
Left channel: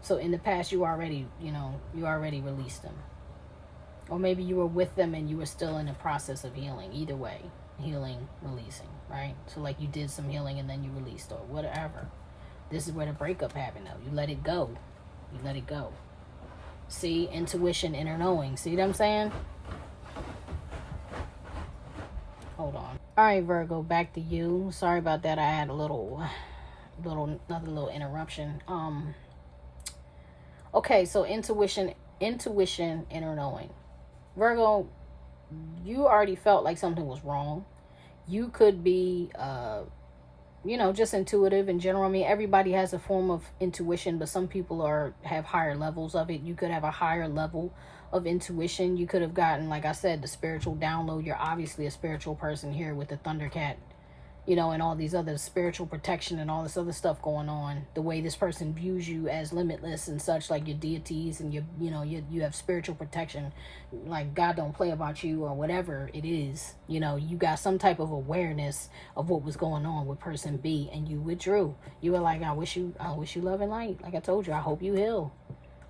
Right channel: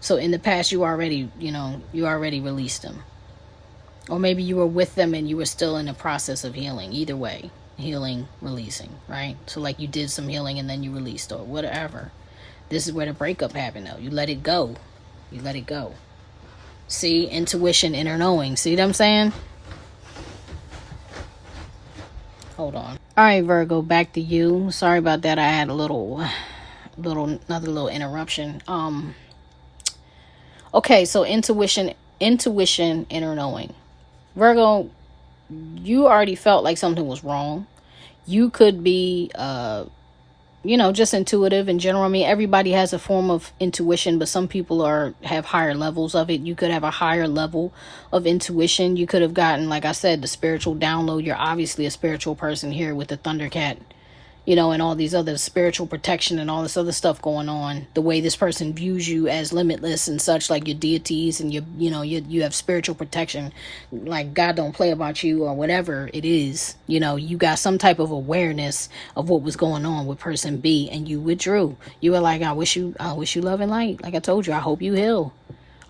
So in the past, you already released them. Or maybe you were with them and you were still in the process of healing. Either way. Healing, releasing, right? So like you did some healing and then you released or whatever. This is where the breakup happened though. You let it go. You let it go. See? Intuition, inner knowing. See what I'm saying? Hold on. Alright, Virgo, back to you. Sorry about that. I had another little interruption. Okay, so intuition, inner knowing. Virgo, you already felt like something was wrong. You could be, just intuitive in general. I mean, everybody has a form of intuition, but some people have higher levels of it. You could have a higher level of intuition. You could have gotten, like I said, the spiritual download. You're obviously a spiritual person here with the Thundercat, and all these other spiritual protection and all this other stuff going on. The way this person views you as limitless and such, like your deities and you have spiritual protection, like God don't play about you or whatever it is. You got some type of awareness of what was going on with person B, and you withdrew. You were like, I wish you love and light. Like I told you, I hope you heal.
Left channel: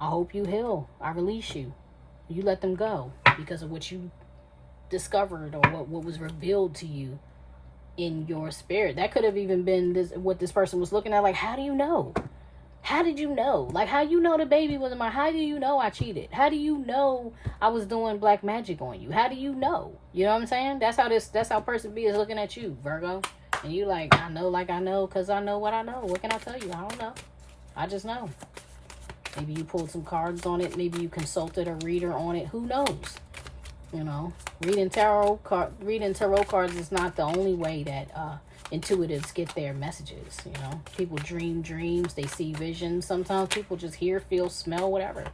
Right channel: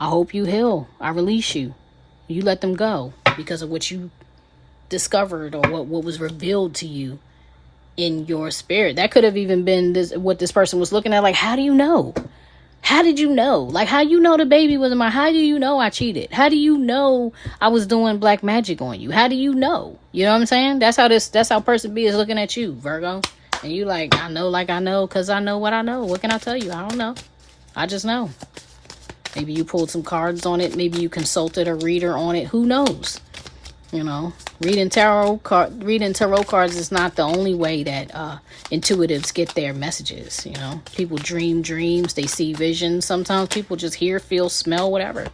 I hope you heal. I release you. You let them go because of what you discovered or what was revealed to you in your spirit. That could have even been what this person was looking at. Like, how do you know? How did you know? Like, how you know the baby wasn't mine? How do you know I cheated? How do you know I was doing black magic on you? How do you know? You know what I'm saying? That's how person B is looking at you, Virgo. And you like, I know, because I know what I know. What can I tell you? I don't know. I just know. Maybe you pulled some cards on it. Maybe you consulted a reader on it. Who knows? Reading tarot cards is not the only way that intuitives get their messages. People dream dreams, they see visions. Sometimes people just hear, feel, smell, whatever.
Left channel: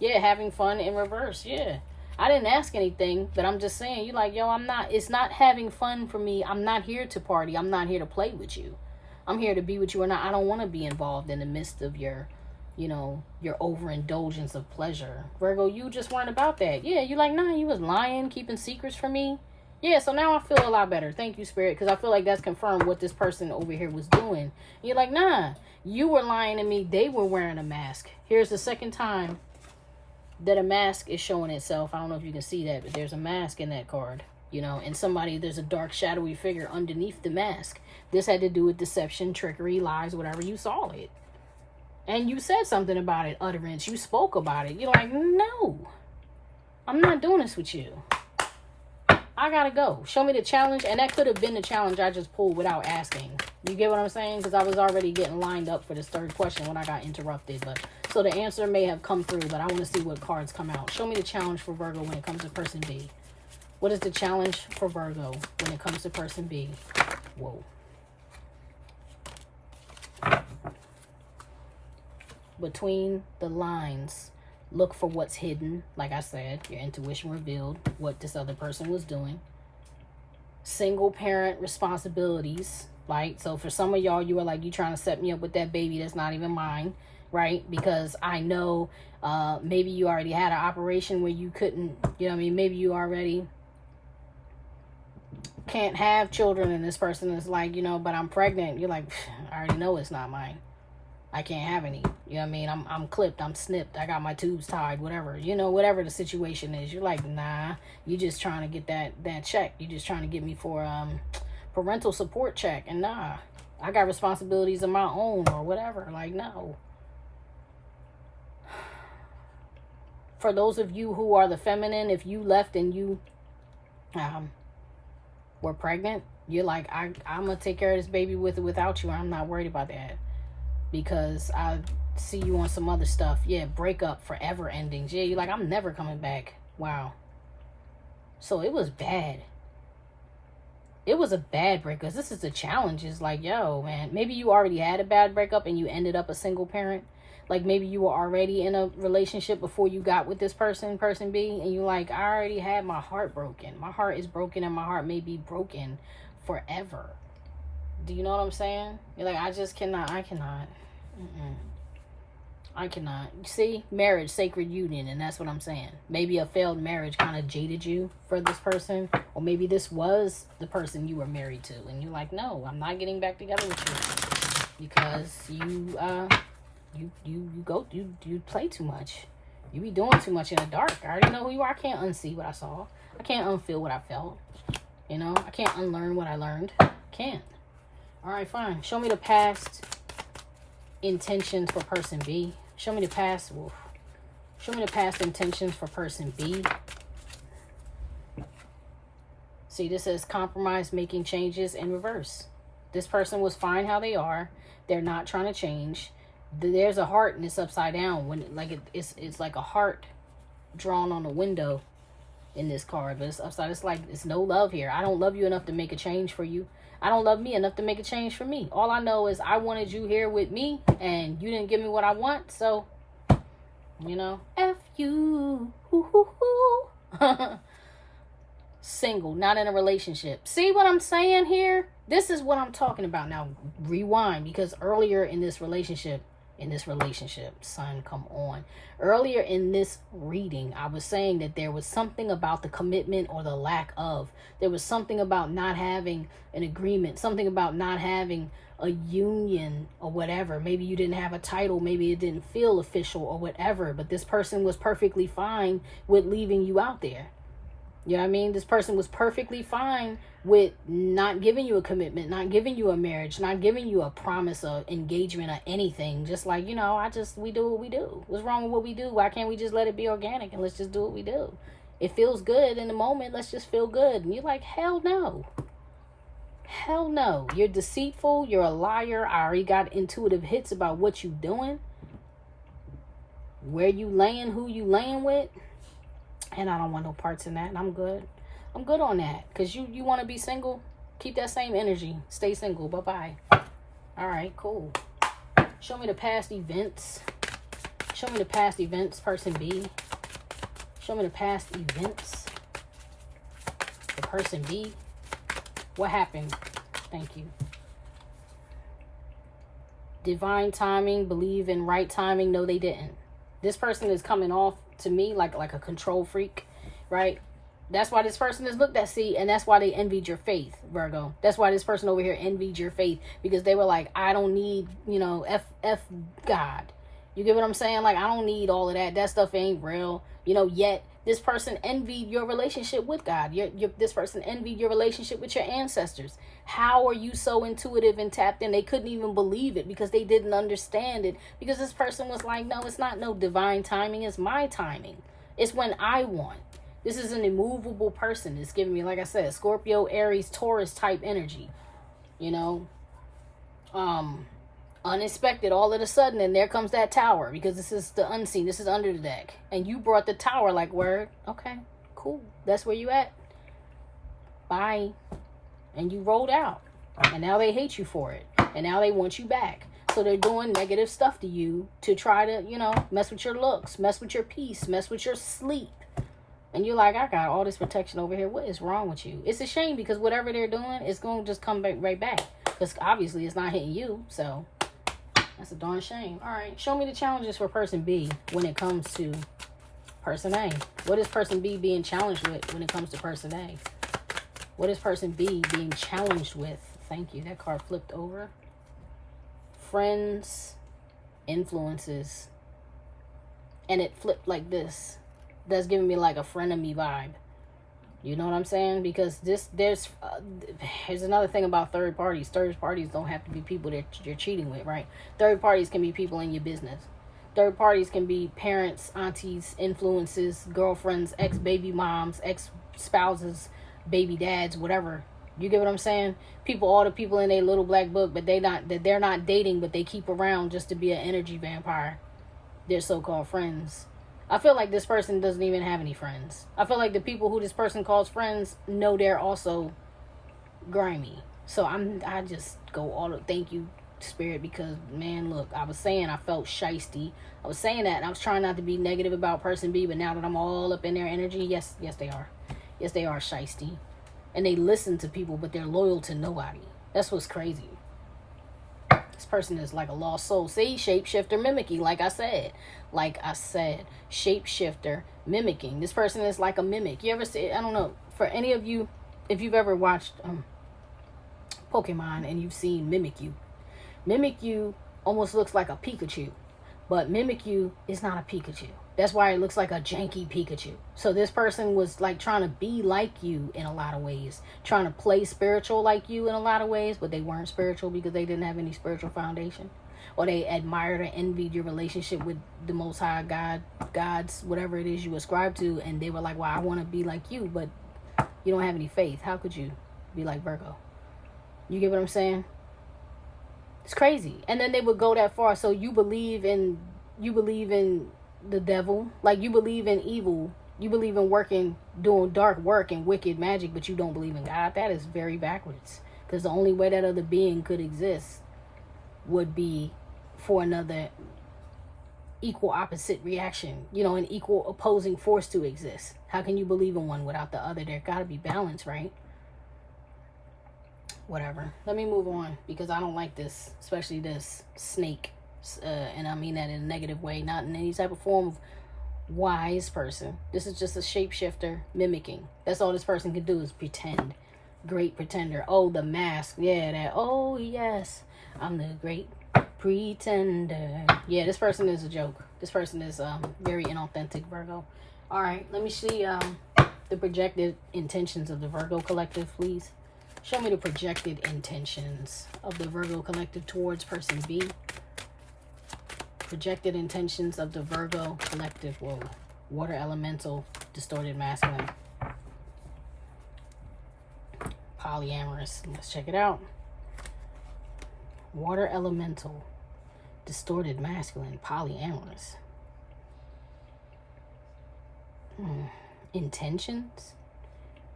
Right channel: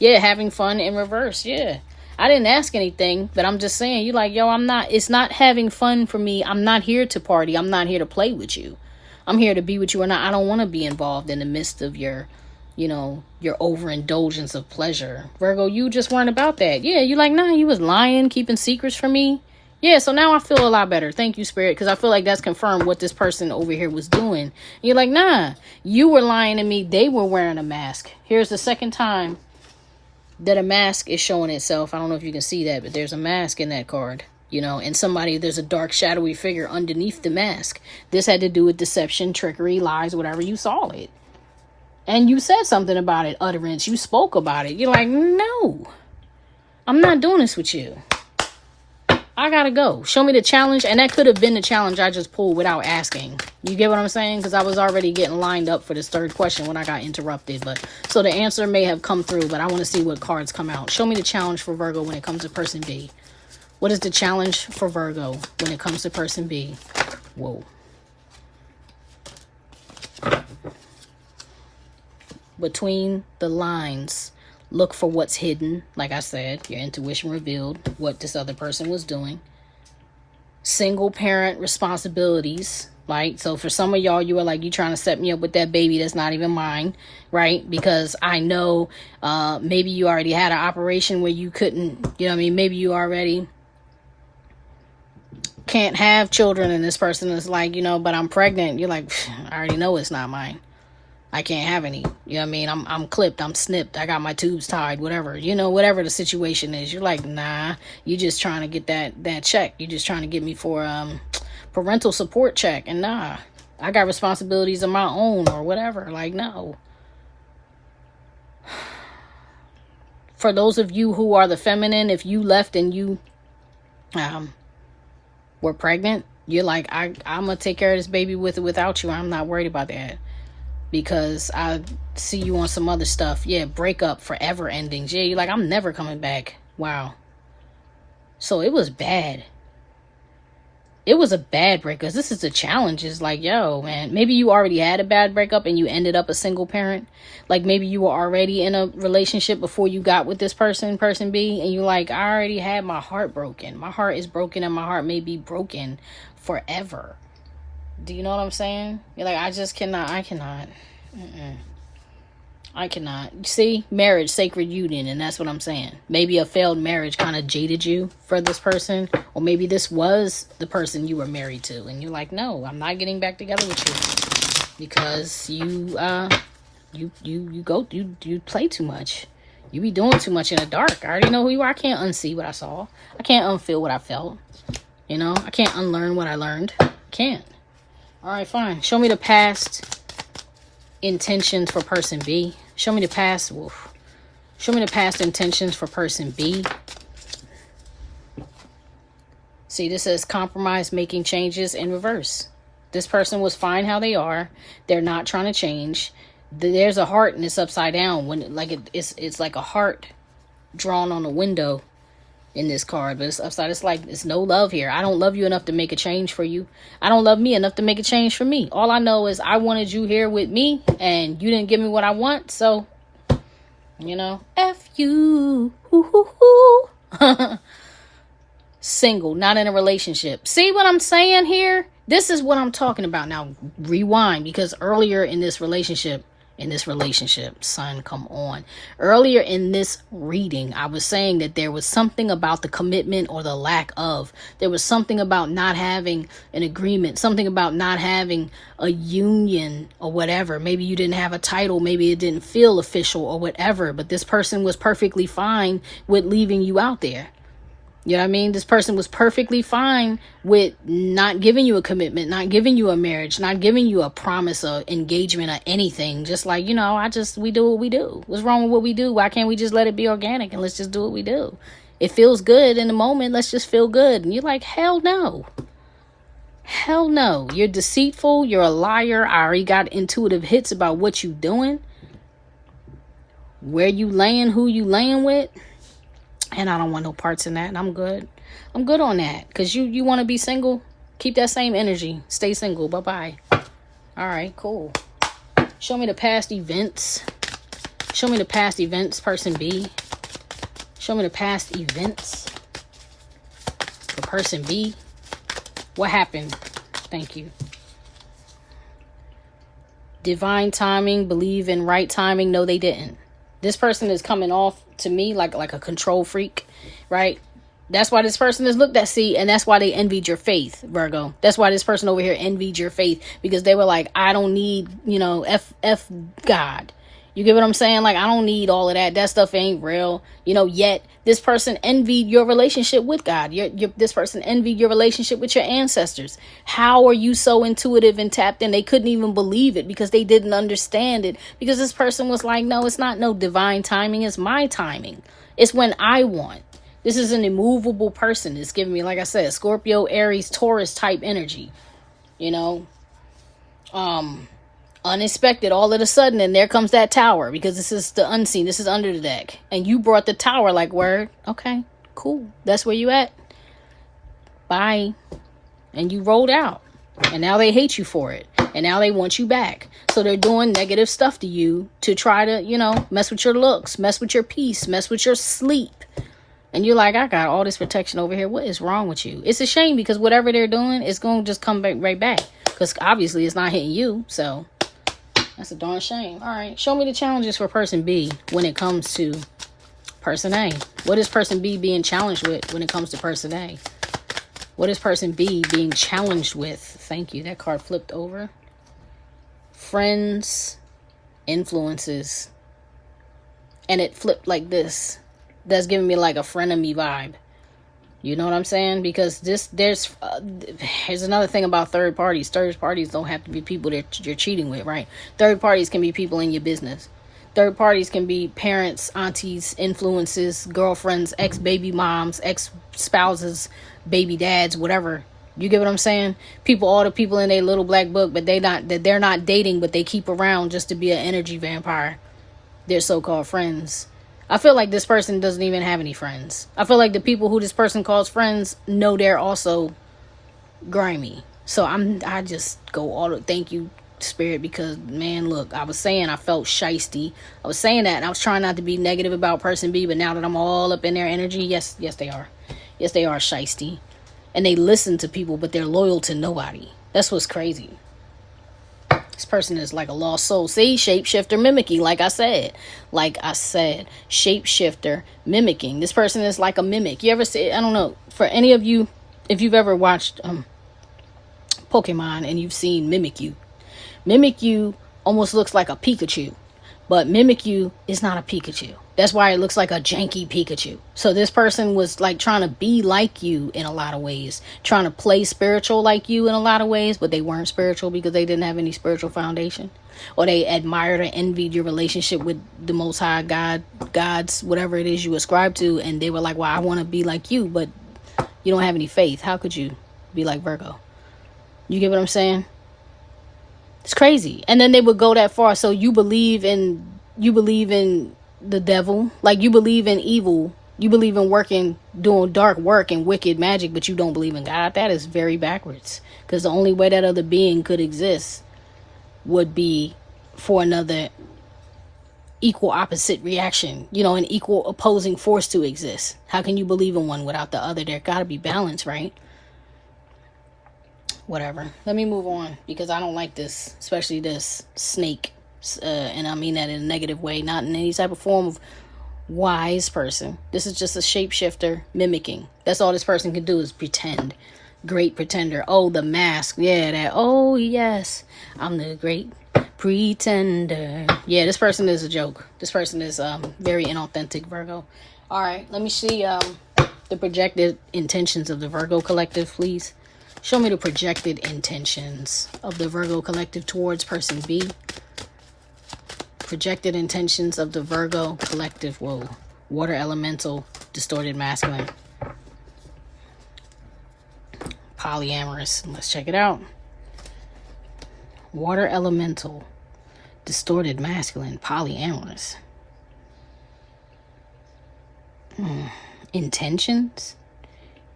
Yeah, having fun in reverse. Yeah, I didn't ask anything, but I'm just saying, you like, yo, it's not having fun for me. I'm not here to party. I'm not here to play with you. I'm here to be with you, and I don't want to be involved in the midst of your overindulgence of pleasure. Virgo, you just weren't about that. Yeah, you like, nah, you was lying, keeping secrets from me. Yeah, so now I feel a lot better. Thank you, Spirit, because I feel like that's confirmed what this person over here was doing. You're like, nah, you were lying to me. They were wearing a mask. Here's the second time that a mask is showing itself. I don't know if you can see that, but there's a mask in that card. And there's a dark, shadowy figure underneath the mask. This had to do with deception, trickery, lies, whatever. You saw it. And you said something about it, utterance. You spoke about it. You're like, no, I'm not doing this with you. I gotta go. Show me the challenge. And that could have been the challenge I just pulled without asking. You get what I'm saying? Because I was already getting lined up for this third question when I got interrupted. So the answer may have come through, but I want to see what cards come out. Show me the challenge for Virgo when it comes to person B. What is the challenge for Virgo when it comes to person B? Whoa. Between the lines. Look for what's hidden. Like I said, your intuition revealed what this other person was doing. Single parent responsibilities. Right? So for some of y'all, you were like, you trying to set me up with that baby that's not even mine, right? Because I know maybe you already had an operation where you couldn't, you know what I mean? Maybe you already can't have children, and this person is like, you know, but I'm pregnant. You're like, I already know it's not mine. I can't have any. You know what I mean? I'm clipped, I'm snipped, I got my tubes tied, whatever. You know, whatever the situation is. You're like, nah, you just trying to get that check. You're just trying to get me for parental support check. And nah, I got responsibilities of my own or whatever. Like, no. For those of you who are the feminine, if you left and you were pregnant, you're like, I'm gonna take care of this baby with or without you. I'm not worried about that. Because I see you on some other stuff. Yeah, breakup, forever endings. Yeah, you're like, I'm never coming back. Wow. So it was bad. It was a bad breakup. This is the challenge. It's like, yo, man, maybe you already had a bad breakup and you ended up a single parent. Like maybe you were already in a relationship before you got with this person B, and you're like, I already had my heart broken. My heart is broken, and my heart may be broken forever. Do you know what I'm saying? You're like, I cannot. I cannot. See, marriage, sacred union, and that's what I'm saying. Maybe a failed marriage kind of jaded you for this person, or maybe this was the person you were married to, and you're like, no, I'm not getting back together with you because you play too much. You be doing too much in the dark. I already know who you are. I can't unsee what I saw. I can't unfeel what I felt. You know, I can't unlearn what I learned. Can't. All right, fine. Show me the past intentions for person B. Show me the past. Show me the past intentions for person B. See, this says compromise, making changes in reverse. This person was fine how they are. They're not trying to change. There's a heart and it's upside down. When it's like a heart drawn on a window in this card, but it's upside. It's like, it's no love here. I don't love you enough to make a change for you. I don't love me enough to make a change for me. All I know is I wanted you here with me and you didn't give me what I want. So, you know, F you. Single, not in a relationship. See what I'm saying here? This is what I'm talking about. Now rewind, because earlier in this relationship, son, come on. Earlier in this reading, I was saying that there was something about the commitment or the lack of. There was something about not having an agreement, something about not having a union or whatever. Maybe you didn't have a title, maybe it didn't feel official or whatever, but this person was perfectly fine with leaving you out there. You know what I mean? This person was perfectly fine with not giving you a commitment, not giving you a marriage, not giving you a promise of engagement or anything. Just like, you know, we do what we do. What's wrong with what we do? Why can't we just let it be organic and let's just do what we do? It feels good in the moment. Let's just feel good. And you're like, hell no. Hell no. You're deceitful. You're a liar. I already got intuitive hits about what you doing, where you laying, who you laying with. And I don't want no parts in that. And I'm good. I'm good on that. Because you want to be single? Keep that same energy. Stay single. Bye-bye. All right, cool. Show me the past events. Show me the past events, person B. Show me the past events for person B. What happened? Thank you. Divine timing. Believe in right timing. No, they didn't. This person is coming off to me like a control freak, right? That's why this person is looked at, see, and that's why they envied your faith, Virgo. That's why this person over here envied your faith, because they were like, I don't need, you know, F God. You get what I'm saying? Like, I don't need all of that. That stuff ain't real. You know, yet this person envied your relationship with God. This person envied your relationship with your ancestors. How are you so intuitive and tapped in? They couldn't even believe it because they didn't understand it. Because this person was like, no, it's not no divine timing. It's my timing. It's when I want. This is an immovable person. It's giving me, like I said, Scorpio, Aries, Taurus type energy. You know, unexpected all of a sudden, and there comes that tower, because this is the unseen, this is under the deck, and you brought the tower. Like, word, okay, cool, that's where you at, bye. And you rolled out, and now they hate you for it. And now they want you back. So they're doing negative stuff to you to try to, you know, mess with your looks, mess with your peace, mess with your sleep. And you're like, I got all this protection over here. What is wrong with you? It's a shame because whatever they're doing, it's going to just come back right back. Because obviously it's not hitting you. So that's a darn shame. All right. Show me the challenges for person B when it comes to person A. What is person B being challenged with when it comes to person A? What is person B being challenged with? Thank you. That card flipped over. Friends, influences. And it flipped like this. That's giving me like a frenemy vibe. You know what I'm saying? Because here's another thing about third parties. Third parties don't have to be people that you're cheating with, right? Third parties can be people in your business. Third parties can be parents, aunties, influences, girlfriends, ex-baby moms, ex-spouses, baby dads, whatever. You get what I'm saying? People, all the people in their little black book, but they're not dating, but they keep around just to be an energy vampire. They're so-called friends. I feel like this person doesn't even have any friends. I feel like the people who this person calls friends know they're also grimy. So I just go all the thank you, Spirit, because man, look, I was saying I felt shisty. I was saying that and I was trying not to be negative about person B, but now that I'm all up in their energy, yes they are. Yes, they are shisty. And they listen to people, but they're loyal to nobody. That's what's crazy. This person is like a lost soul. See, shapeshifter mimicking, like I said. Shapeshifter mimicking. This person is like a mimic. You ever see, I don't know, for any of you, if you've ever watched Pokemon and you've seen Mimikyu. Mimikyu almost looks like a Pikachu. But Mimikyu is not a Pikachu. That's why it looks like a janky Pikachu. So this person was like trying to be like you in a lot of ways. Trying to play spiritual like you in a lot of ways. But they weren't spiritual because they didn't have any spiritual foundation. Or they admired or envied your relationship with the Most High God, gods, whatever it is you ascribe to. And they were like, well, I want to be like you. But you don't have any faith. How could you be like Virgo? You get what I'm saying? It's crazy. And then they would go that far. So you believe in the devil, like you believe in evil, you believe in doing dark work and wicked magic, but you don't believe in God. That is very backwards, because the only way that other being could exist would be for another equal opposite reaction, you know, an equal opposing force to exist. How can you believe in one without the other? There gotta be balance, right? Whatever, let me move on, because I don't like this, especially this snake. And I mean that in a negative way, not in any type of form of wise person. This is just a shapeshifter mimicking. That's all this person can do is pretend. Great pretender. Oh, the mask. Yeah, that. Oh, yes. I'm the great pretender. Yeah, this person is a joke. This person is very inauthentic, Virgo. All right, let me see the projected intentions of the Virgo collective, please. Show me the projected intentions of the Virgo collective towards person B. Projected intentions of the Virgo collective. Whoa. Water elemental, distorted masculine. Polyamorous. Let's check it out. Water elemental, distorted masculine, polyamorous. Intentions?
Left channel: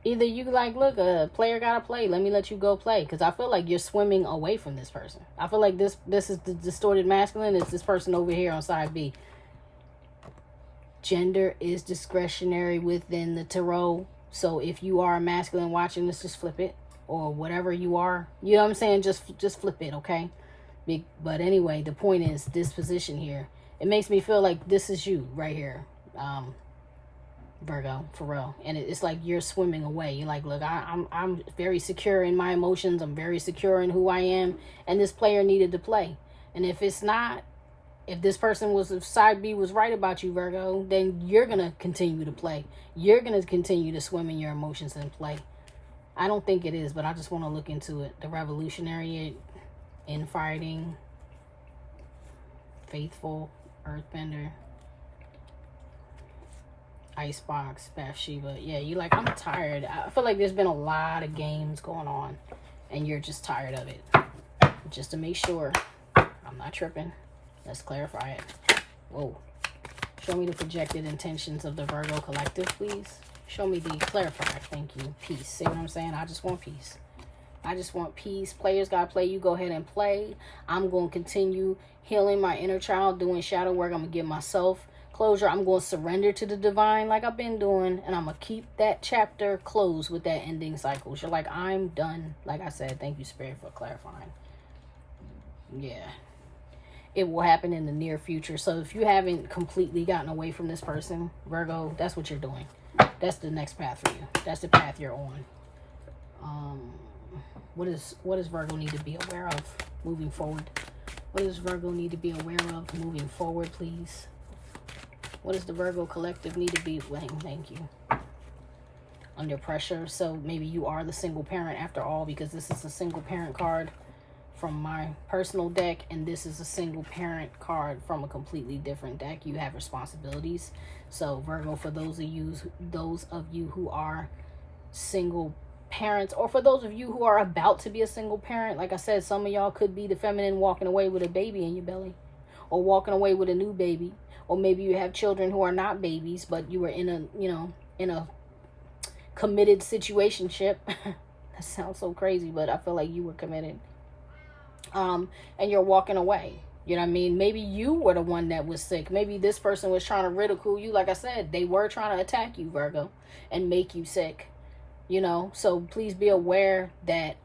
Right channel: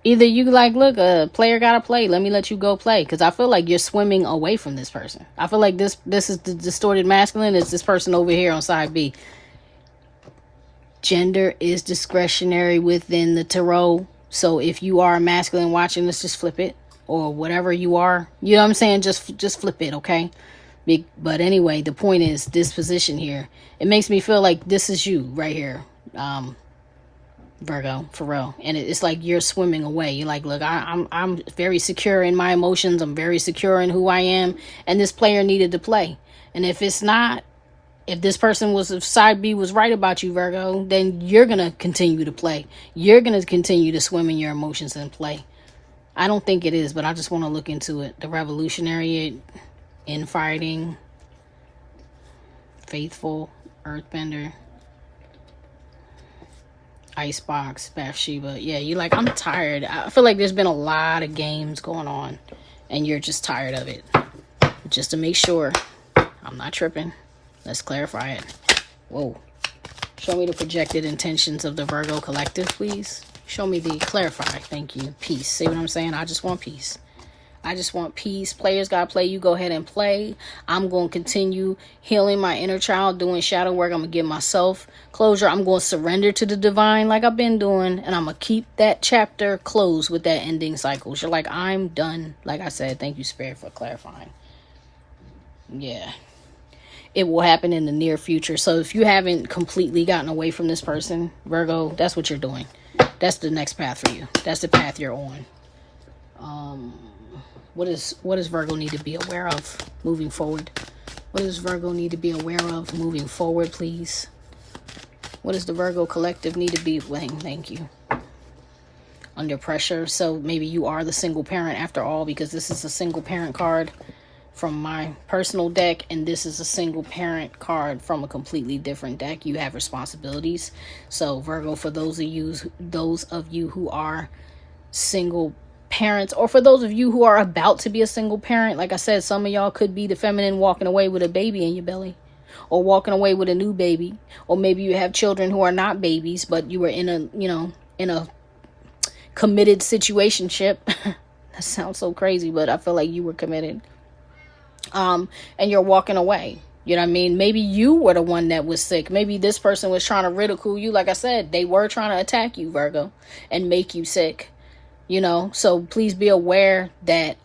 Either you like, look, a player gotta play. Let me let you go play. Because I feel like you're swimming away from this person. I feel like this is the distorted masculine. It's this person over here on side B. Gender is discretionary within the tarot. So if you are a masculine watching this, just flip it. Or whatever you are. You know what I'm saying? Just flip it, okay? But anyway, the point is this position here. It makes me feel like this is you right here. Virgo, for real. And it's like you're swimming away. You're like, look, I'm very secure in my emotions. I'm very secure in who I am. And this player needed to play. And if this person if side B was right about you, Virgo, then you're going to continue to play. You're going to continue to swim in your emotions and play. I don't think it is, but I just want to look into it. The revolutionary, infighting, faithful, earthbender, Icebox, Bathsheba. Yeah, you like, I'm tired. I feel like there's been a lot of games going on and you're just tired of it. Just to make sure I'm not tripping, let's clarify it. Whoa. Show me the projected intentions of the Virgo collective, please. Show me the clarify. Thank you. Peace. See what I'm saying? I just want peace. I just want peace. Players gotta play. You go ahead and play. I'm going to continue healing my inner child, doing shadow work. I'm going to give myself closure. I'm going to surrender to the divine like I've been doing. And I'm going to keep that chapter closed with that ending cycle. You're like, I'm done. Like I said, thank you, Spirit, for clarifying. Yeah. It will happen in the near future. So if you haven't completely gotten away from this person, Virgo, that's what you're doing. That's the next path for you. That's the path you're on. What does Virgo need to be aware of moving forward? What does Virgo need to be aware of moving forward, please? What does the Virgo collective need to be? Thank you. Under pressure. So maybe you are the single parent after all, because this is a single parent card from my personal deck, and this is a single parent card from a completely different deck. You have responsibilities. So Virgo, for those of you who are single parents, or for those of you who are about to be a single parent, like I said, some of y'all could be the feminine walking away with a baby in your belly, or walking away with a new baby, or maybe you have children who are not babies, but you were in a committed situationship. That sounds so crazy, but I feel like you were committed. And you're walking away. You know what I mean? Maybe you were the one that was sick. Maybe this person was trying to ridicule you. Like I said, they were trying to attack you, Virgo, and make you sick. You know, so please be aware that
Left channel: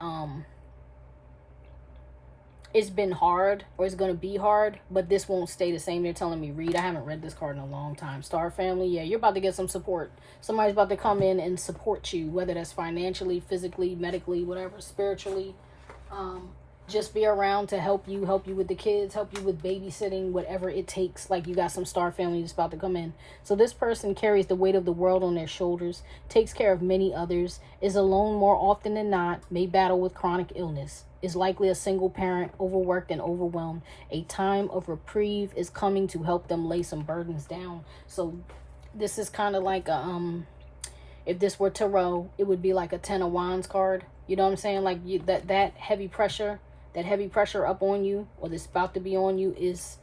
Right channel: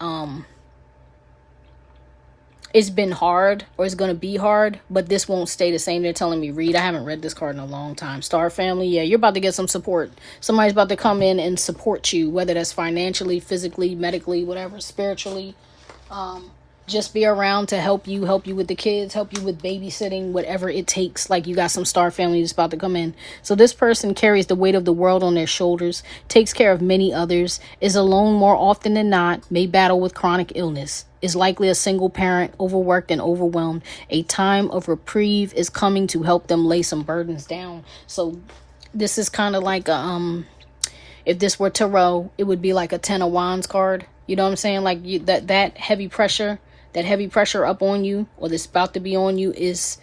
it's been hard, or it's going to be hard, but this won't stay the same. They're telling me read. I haven't read this card in a long time. Star family, yeah, you're about to get some support. Somebody's about to come in and support you, whether that's financially, physically, medically, whatever, spiritually. Just be around to help you with the kids, help you with babysitting, whatever it takes. Like, you got some star family that's about to come in. So this person carries the weight of the world on their shoulders, takes care of many others, is alone more often than not, may battle with chronic illness, is likely a single parent, overworked and overwhelmed. A time of reprieve is coming to help them lay some burdens down. So this is kind of like if this were tarot, it would be like a 10 of Wands card. You know what I'm saying? Like, that heavy pressure up on you, or that's about to be on you, is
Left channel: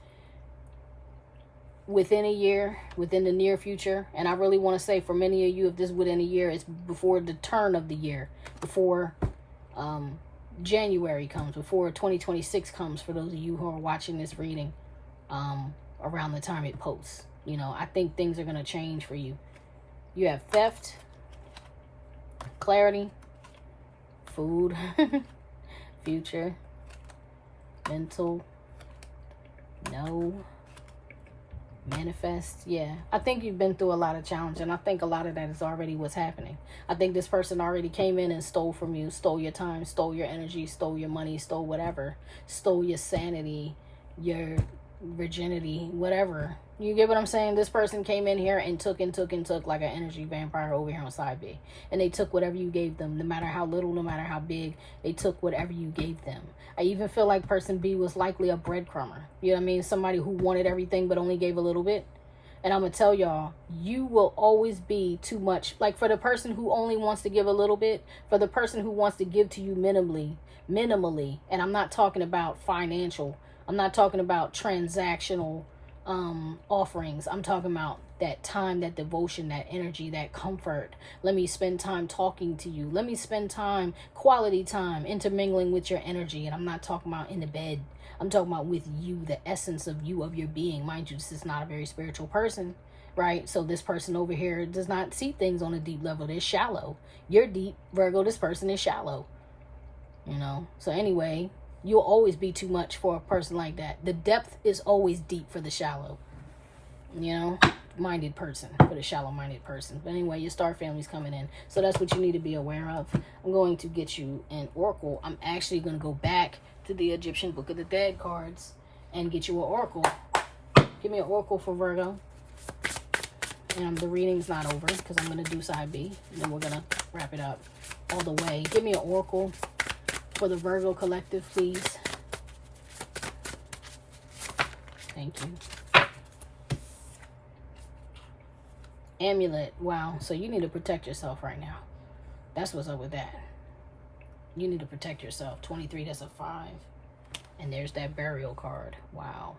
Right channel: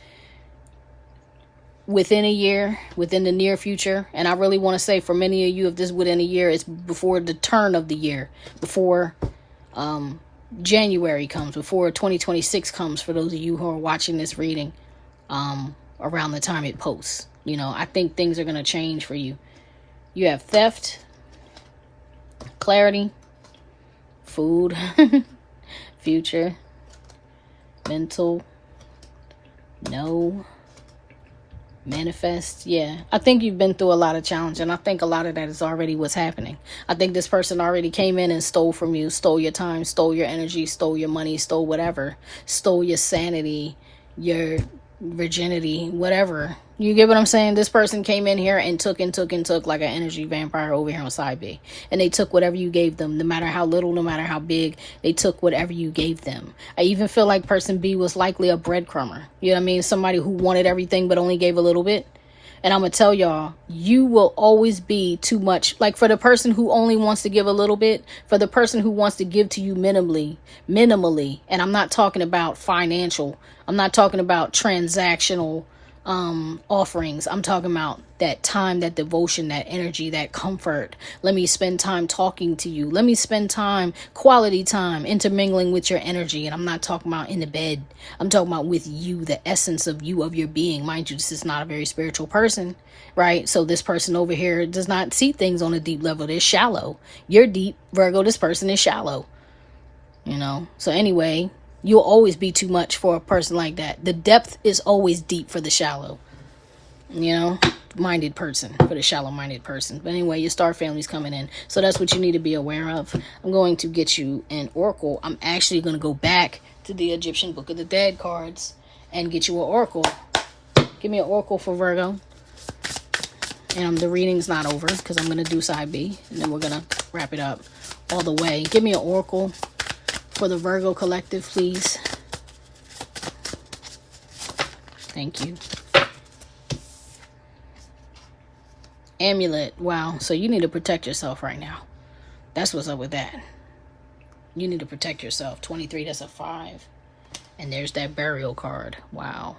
within a year, within the near future. And I really want to say, for many of you, if this is within a year, it's before the turn of the year, before January comes, before 2026 comes, for those of you who are watching this reading around the time it posts. You know, I think things are going to change for you. You have theft, clarity, food, future, mental, no, manifest. Yeah, I think you've been through a lot of challenge, and I think a lot of that is already what's happening. I think this person already came in and stole from you, stole your time, stole your energy, stole your money, stole whatever, stole your sanity, your virginity, whatever. You get what I'm saying? This person came in here and took like an energy vampire over here on side B. And they took whatever you gave them, no matter how little, no matter how big. They took whatever you gave them. I even feel like person B was likely a breadcrumber. You know what I mean? Somebody who wanted everything but only gave a little bit. And I'm going to tell y'all, you will always be too much. Like, for the person who only wants to give a little bit, for the person who wants to give to you minimally, and I'm not talking about financial, I'm not talking about transactional offerings. I'm talking about that time, that devotion, that energy, that comfort. Let me spend time talking to you. Let me spend time, quality time, intermingling with your energy. And I'm not talking about in the bed. I'm talking about with you, the essence of you, of your being. Mind you, this is not a very spiritual person, right? So this person over here does not see things on a deep level. They're shallow. You're deep, Virgo. This person is shallow. You know? So anyway, you'll always be too much for a person like that. The depth is always deep for the shallow, you know, minded person, for the shallow minded person. But anyway, your star family's coming in. So that's what you need to be aware of. I'm going to get you an oracle. I'm actually going to go back to the Egyptian Book of the Dead cards and get you an oracle. Give me an oracle for Virgo. And the reading's not over because I'm going to do side B. And then we're going to wrap it up all the way. Give me an oracle for the Virgo collective, please. Thank you. Amulet. Wow. So you need to protect yourself right now. That's what's up with that. You need to protect yourself. 23, that's a 5. And there's that burial card. Wow.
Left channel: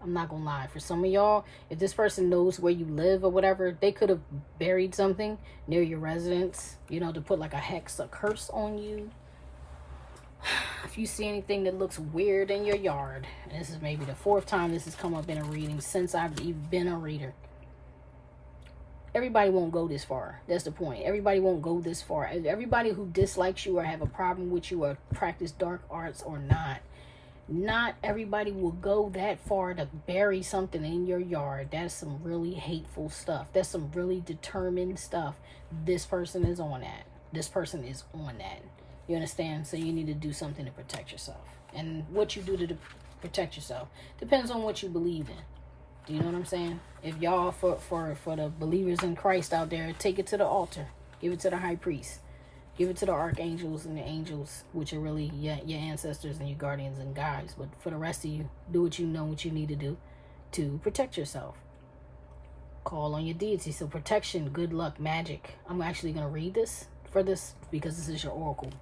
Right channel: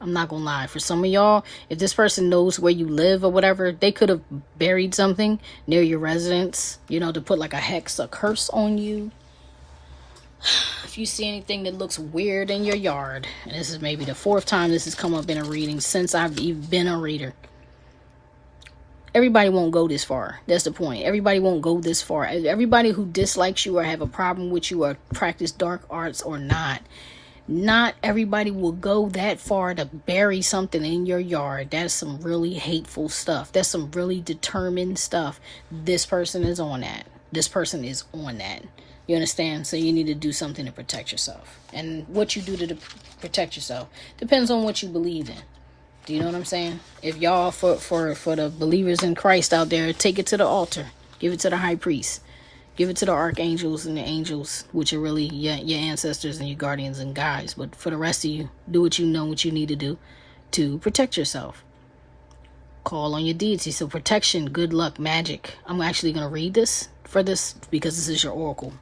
I'm not gonna lie. For some of y'all, if this person knows where you live or whatever, they could have buried something near your residence, you know, to put like a hex, a curse on you. If you see anything that looks weird in your yard, and this is maybe the 4th time this has come up in a reading since I've even been a reader. Everybody won't go this far. That's the point. Everybody won't go this far. Everybody who dislikes you or have a problem with you or practice dark arts or not everybody will go that far to bury something in your yard. That's some really hateful stuff. That's some really determined stuff. This person is on that. This person is on that. You understand? So you need to do something to protect yourself. And what you do to protect yourself depends on what you believe in. Do you know what I'm saying? If y'all, for the believers in Christ out there, take it to the altar. Give it to the high priest. Give it to the archangels and the angels, which are really your ancestors and your guardians and guides. But for the rest of you, do what you know what you need to do to protect yourself. Call on your deity. So protection, good luck, magic. I'm actually going to read this because this is your oracle.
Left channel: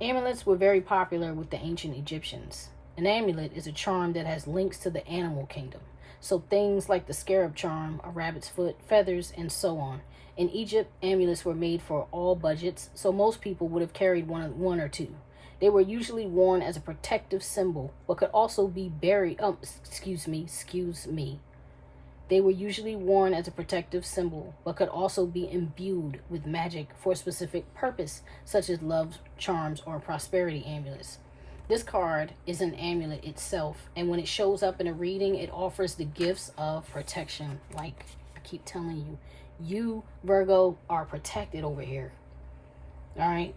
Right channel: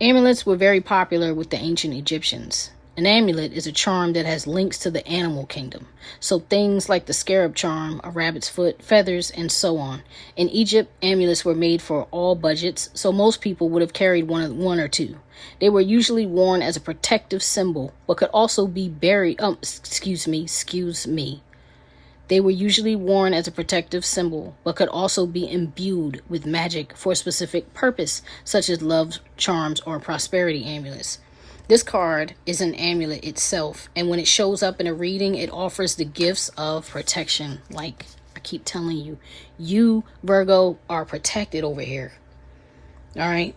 Amulets were very popular with the ancient Egyptians. An amulet is a charm that has links to the animal kingdom. So things like the scarab charm, a rabbit's foot, feathers, and so on. In Egypt, amulets were made for all budgets, so most people would have carried one or two. They were usually worn as a protective symbol, but could also be They were usually worn as a protective symbol, but could also be imbued with magic for a specific purpose, such as love charms or prosperity amulets. This card is an amulet itself, and when it shows up in a reading, it offers the gifts of protection. Like I keep telling you, you, Virgo, are protected over here. All right?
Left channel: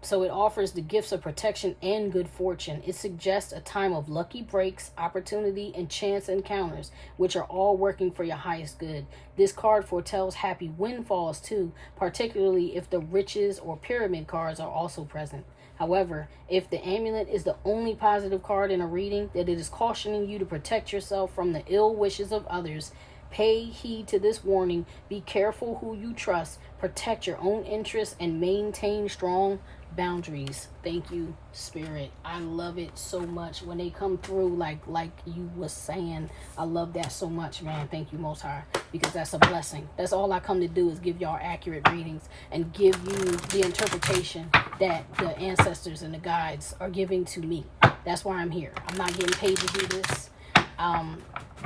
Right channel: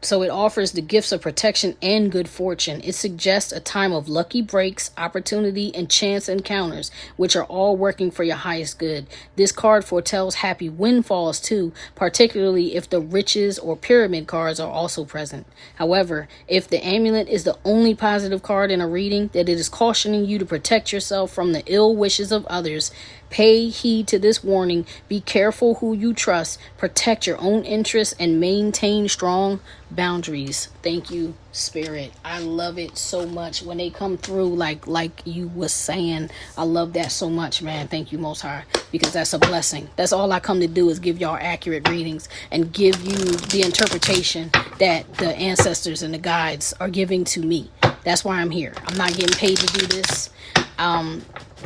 So it offers the gifts of protection and good fortune. It suggests a time of lucky breaks, opportunity, and chance encounters, which are all working for your highest good. This card foretells happy windfalls too, particularly if the riches or pyramid cards are also present. However, if the amulet is the only positive card in a reading, that it is cautioning you to protect yourself from the ill wishes of others. Pay heed to this warning. Be careful who you trust. Protect your own interests and maintain strong boundaries. Thank you, Spirit. I love it so much when they come through like you was saying. I love that so much, man. Thank you, Most High, because that's a blessing. That's all I come to do, is give y'all accurate readings and give you the interpretation that the ancestors and the guides are giving to me. That's why I'm here. I'm not getting paid to do this.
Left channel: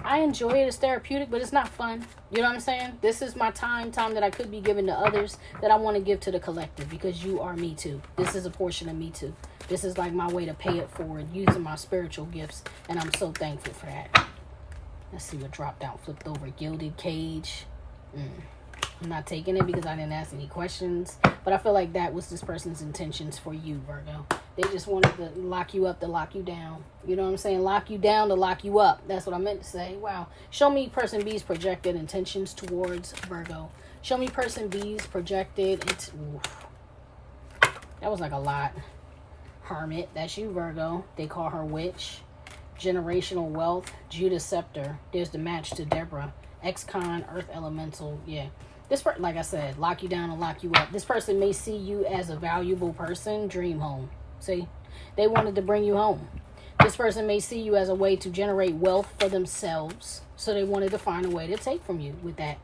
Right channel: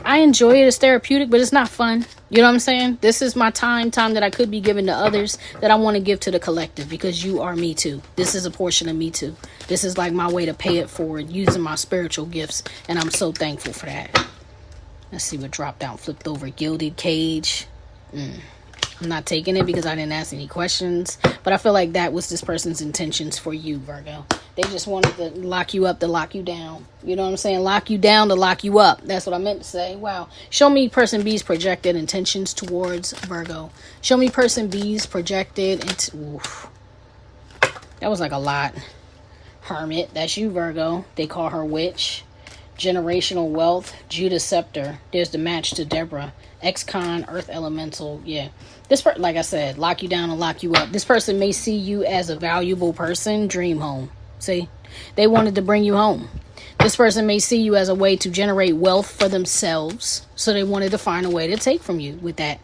I enjoy it. It's therapeutic, but it's not fun. You know what I'm saying? This is my time that I could be giving to others, that I want to give to the collective, because you are me too. This is a portion of me too. This is like my way to pay it forward, using my spiritual gifts, and I'm so thankful for that. Let's see what dropped down. Flipped over. Gilded cage. I'm not taking it because I didn't ask any questions, but I feel like that was this person's intentions for you, Virgo. They just wanted to lock you up to lock you down. You know what I'm saying? Lock you down to lock you up. That's what I meant to say. Wow. Show me person B's projected intentions towards Virgo. Show me person B's projected. Oof. That was like a lot. Hermit. That's you, Virgo. They call her witch. Generational wealth. Judas scepter. There's the match to Deborah. Ex-con, earth elemental. Yeah. This like I said, lock you down and lock you up. This person may see you as a valuable person. Dream home. See, they wanted to bring you home. This person may see you as a way to generate wealth for themselves, so they wanted to find a way to take from you with that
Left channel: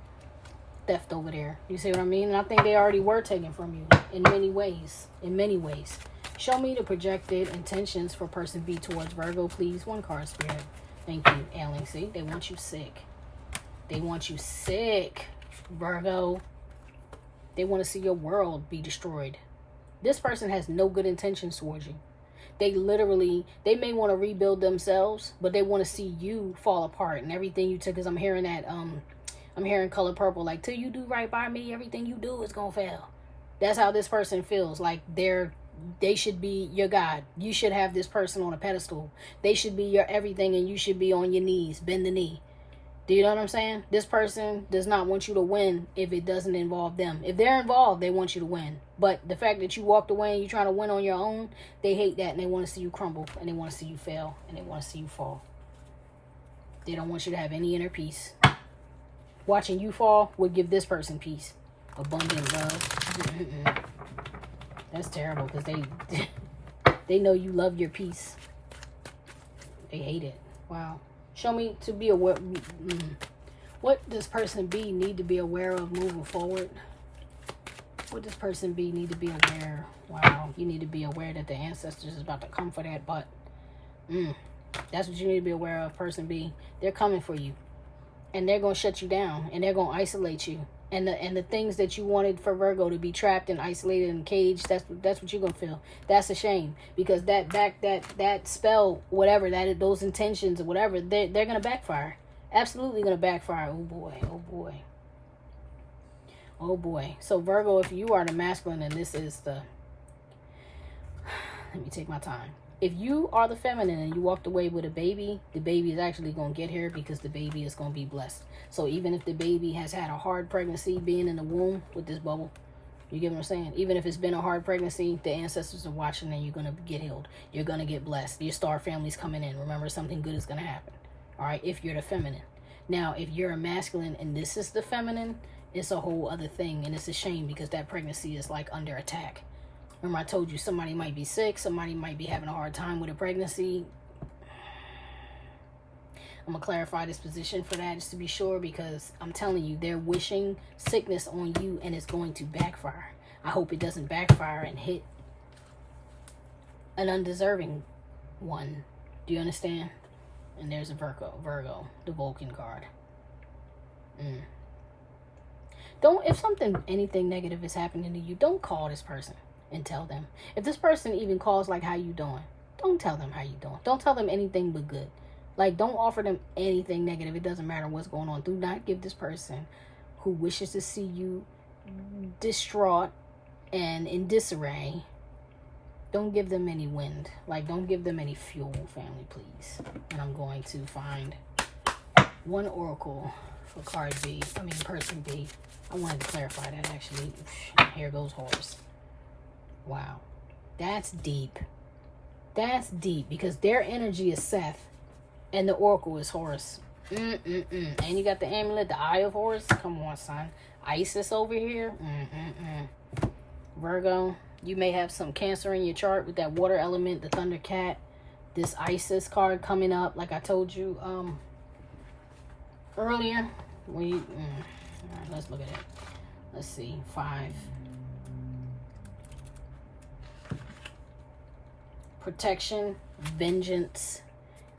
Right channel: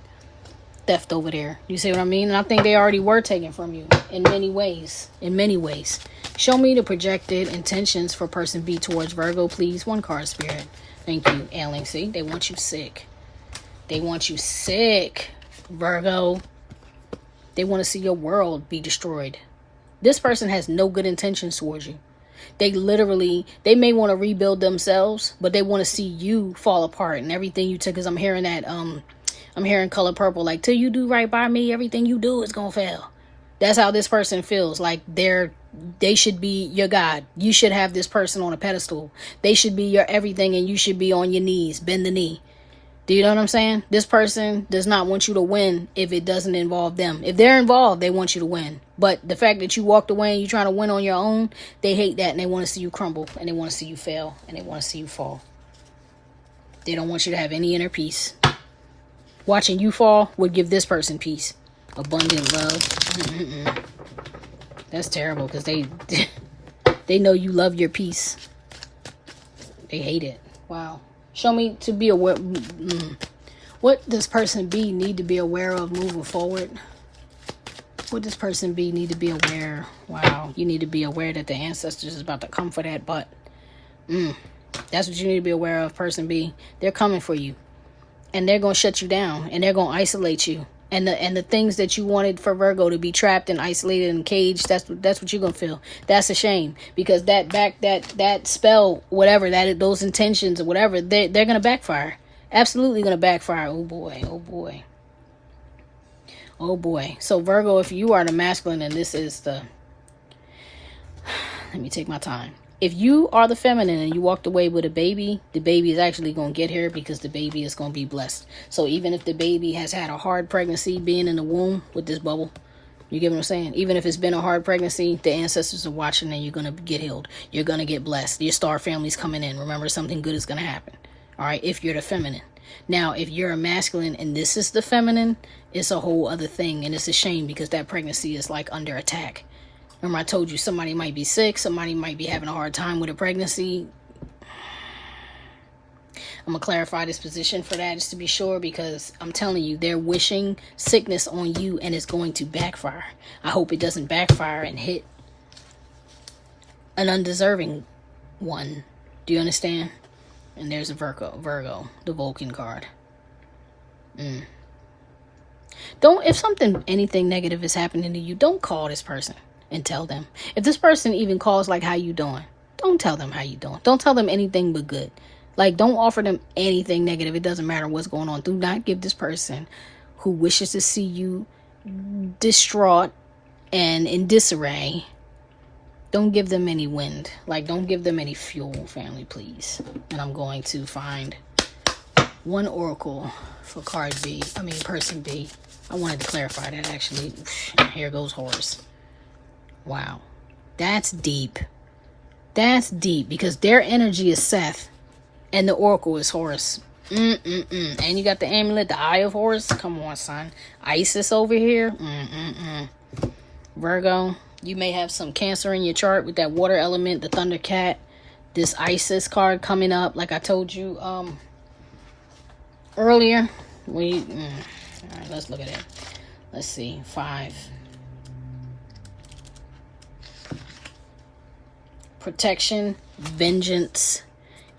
theft over there. You see what I mean? And I think they already were taken from you in many ways. Show me the projected intentions for person B towards Virgo, please. One card, Spirit. Thank you, Ailing. See, they want you sick. They want you sick, Virgo. They want to see your world be destroyed. This person has no good intentions towards you. They may want to rebuild themselves, but they want to see you fall apart and everything you took. Because I'm hearing color purple, like, till you do right by me, everything you do is gonna fail. That's how this person feels. Like they should be your God. You should have this person on a pedestal. They should be your everything, and you should be on your knees, bend the knee. Do you know what I'm saying? This person does not want you to win if it doesn't involve them. If they're involved, they want you to win. But the fact that you walked away and you're trying to win on your own, they hate that, and they want to see you crumble, and they want to see you fail, and they want to see you fall. They don't want you to have any inner peace. Watching you fall would give this person peace. Abundant love. That's terrible, because they know you love your peace. They hate it. Wow. Show me to be aware. What does person B need to be aware of moving forward? What this person be need to be aware? Wow, you need to be aware that the ancestors is about to come for that butt. That's what you need to be aware of, person B. They're coming for you. And they're going to shut you down. And they're going to isolate you. And the things that you wanted for Virgo to be trapped and isolated and caged, that's what you're going to feel. That's a shame. Because that spell, whatever, those intentions or whatever, they're going to backfire. Absolutely going to backfire. Oh, boy. Oh, boy. Oh, boy. So, Virgo, if you are the masculine and this is the... Let me take my time. If you are the feminine and you walked away with a baby, the baby is actually going to get here because the baby is going to be blessed. So even if the baby has had a hard pregnancy being in the womb with this bubble, you get what I'm saying? Even if it's been a hard pregnancy, the ancestors are watching and you're going to get healed. You're going to get blessed. Your star family's coming in. Remember, something good is going to happen. All right, if you're the feminine. Now, if you're a masculine and this is the feminine, it's a whole other thing. And it's a shame because that pregnancy is like under attack. Remember I told you somebody might be sick, somebody might be having a hard time with a pregnancy. I'm going to clarify this position for that just to be sure because I'm telling you, they're wishing sickness on you and it's going to backfire. I hope it doesn't backfire and hit an undeserving one. Do you understand? And there's a Virgo, the Vulcan card. If anything negative is happening to you, don't call this person and tell them. If this person even calls like, how you doing? Don't tell them how you doing. Don't tell them anything but good. Like, don't offer them anything negative. It doesn't matter what's going on. Do not give this person who wishes to see you distraught and in disarray. Don't give them any wind. Like, don't give them any fuel, family, please. And I'm going to find one oracle for person B. I wanted to clarify that, actually. Here goes Horus. Wow. That's deep. That's deep because their energy is Seth and the oracle is Horus. And you got the amulet, the Eye of Horus. Come on, son. Isis over here. Virgo, you may have some Cancer in your chart with that water element, the Thunder Cat. This Isis card coming up, like I told you earlier. All right, let's look at it. Let's see. 5. Protection, vengeance,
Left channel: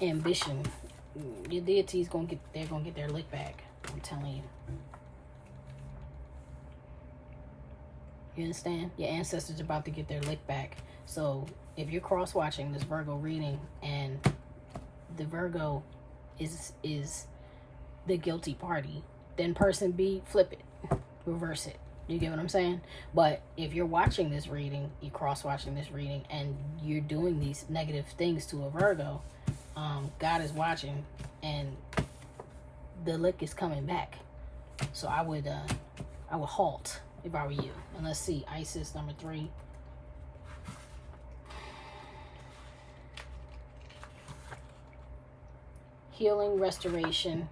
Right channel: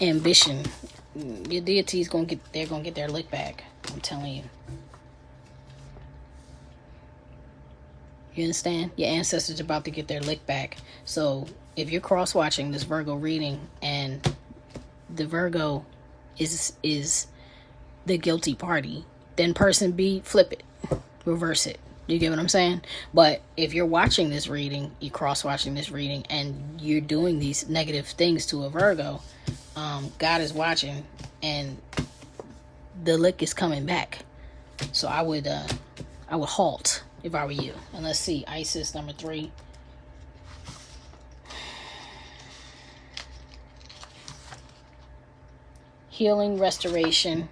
ambition. Your deity's gonna get their lick back. I'm telling you. You understand? Your ancestors are about to get their lick back. So if you're cross-watching this Virgo reading and the Virgo is the guilty party, then person B, flip it. Reverse it. You get what I'm saying? But if you're watching this reading, you're cross-watching this reading, and you're doing these negative things to a Virgo, God is watching, and the lick is coming back. So I would halt if I were you. And let's see, Isis number 3. Healing, restoration,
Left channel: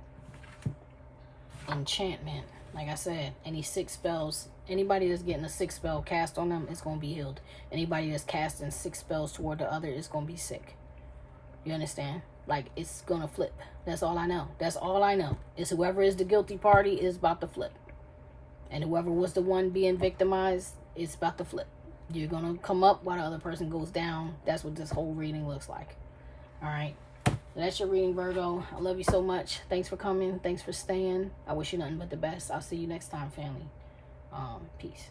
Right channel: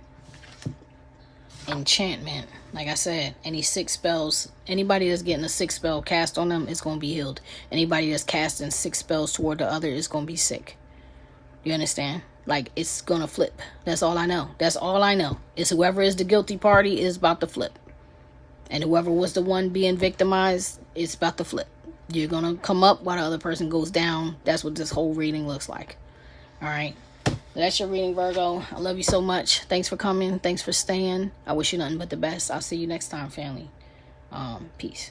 enchantment. Like I said, any 6 spells, anybody that's getting a 6 spell cast on them is going to be healed. Anybody that's casting 6 spells toward the other is going to be sick. You understand? Like, it's going to flip. That's all I know. That's all I know. Is whoever is the guilty party is about to flip. And whoever was the one being victimized is about to flip. You're going to come up while the other person goes down. That's what this whole reading looks like. All right. That's your reading, Virgo. I love you so much. Thanks for coming. Thanks for staying. I wish you nothing but the best. I'll see you next time, family. Peace.